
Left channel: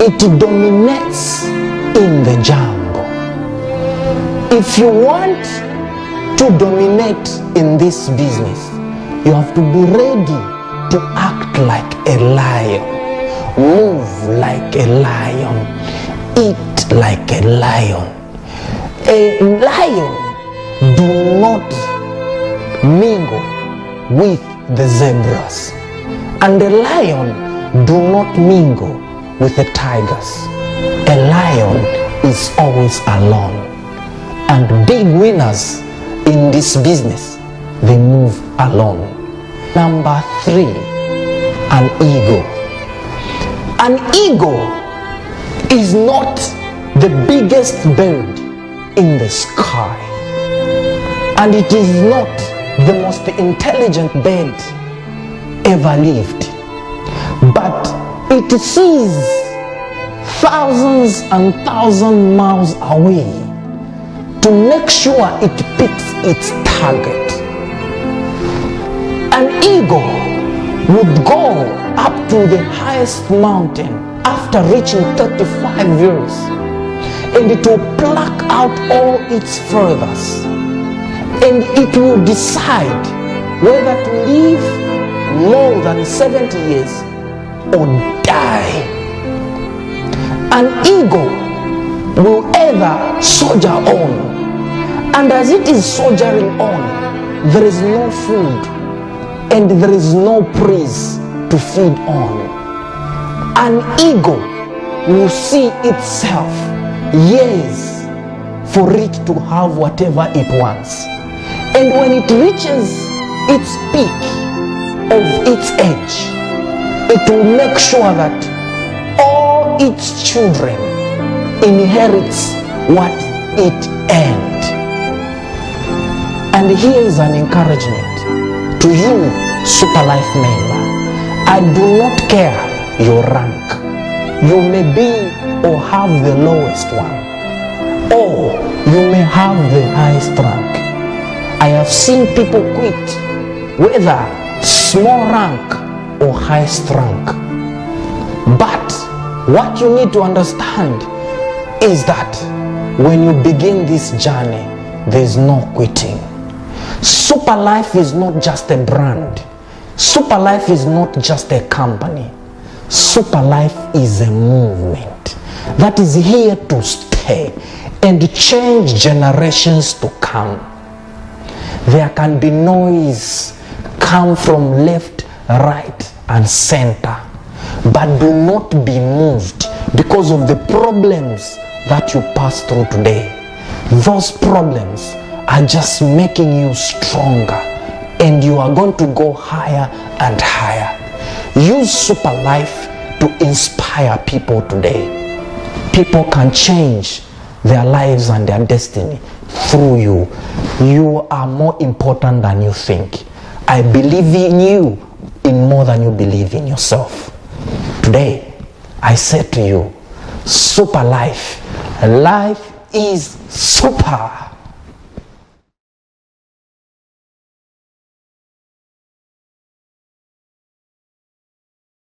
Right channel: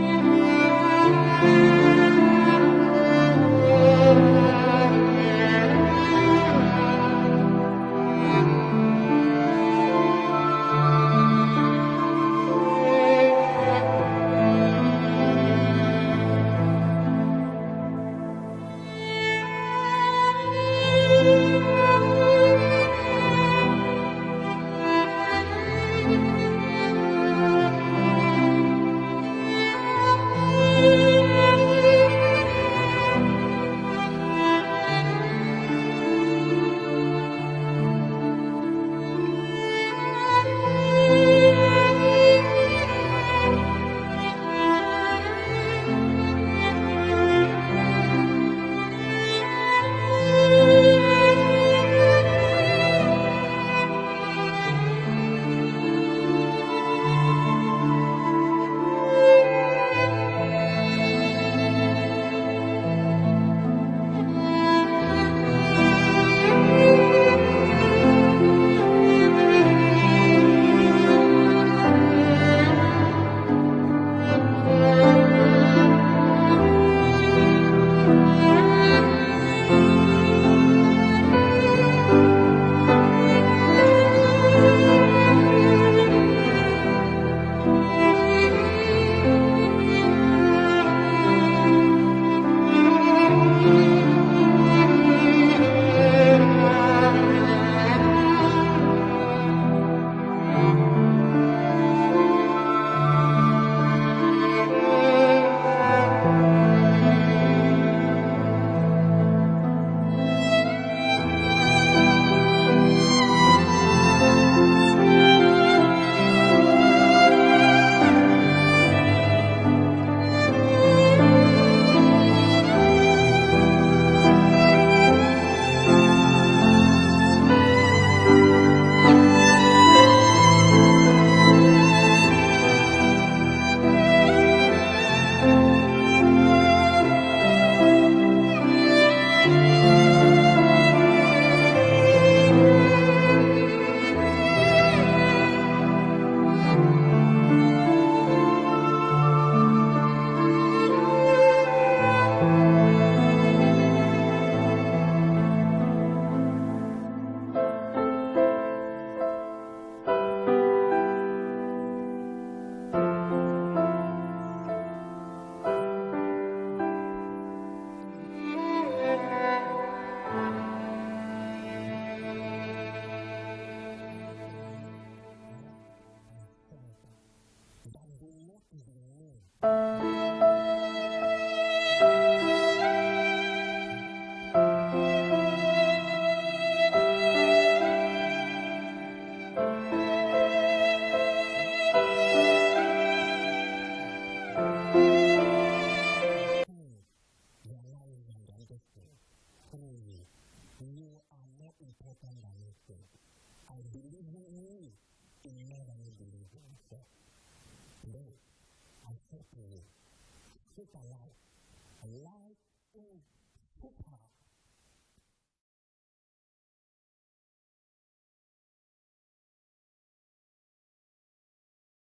it dominates in the jungle. If you want to dominate in this business, you have to be ready to act like a lion, move like a lion, eat like a lion. A lion do not mingle with the zebras, and a lion do not mingle with the tigers. A lion is always alone, and big winners in this business, they move alone. Number 3, an eagle. An eagle is not the biggest bird in the sky, and it is not the most intelligent bird ever lived, but it sees thousands and thousands miles away to make sure it picks its target. An eagle would go up to the highest mountain after reaching 35 years, and it will pluck out all its feathers, and it will decide whether to live more than 70 years or die. An eagle will ever soldier on, and as it is soldiering on, there is no food and there is no praise to feed on. An eagle will see itself years for it to have whatever it wants, and when it reaches its peak of its age, it will make sure that all its children inherits what it earned. And here is an encouragement to you, Super Life member. I do not care your rank. You may be or have the lowest one, or you may have the highest rank. I have seen people quit, whether small rank or highest rank. But what you need to understand is that when you begin this journey, there is no quitting. Super Life is not just a brand. Super Life is not just a company. Super Life is a movement that is here to stay and change generations to come. There can be noise come from left, right, and center, but do not be moved because of the problems that you pass through today. Those problems are just making you stronger, and you are going to go higher and higher. Use Super Life to inspire people today. People can change their lives and their destiny through you. You are more important than you think. I believe in you in more than you believe in yourself. Today, I say to you, Super Life, life is super.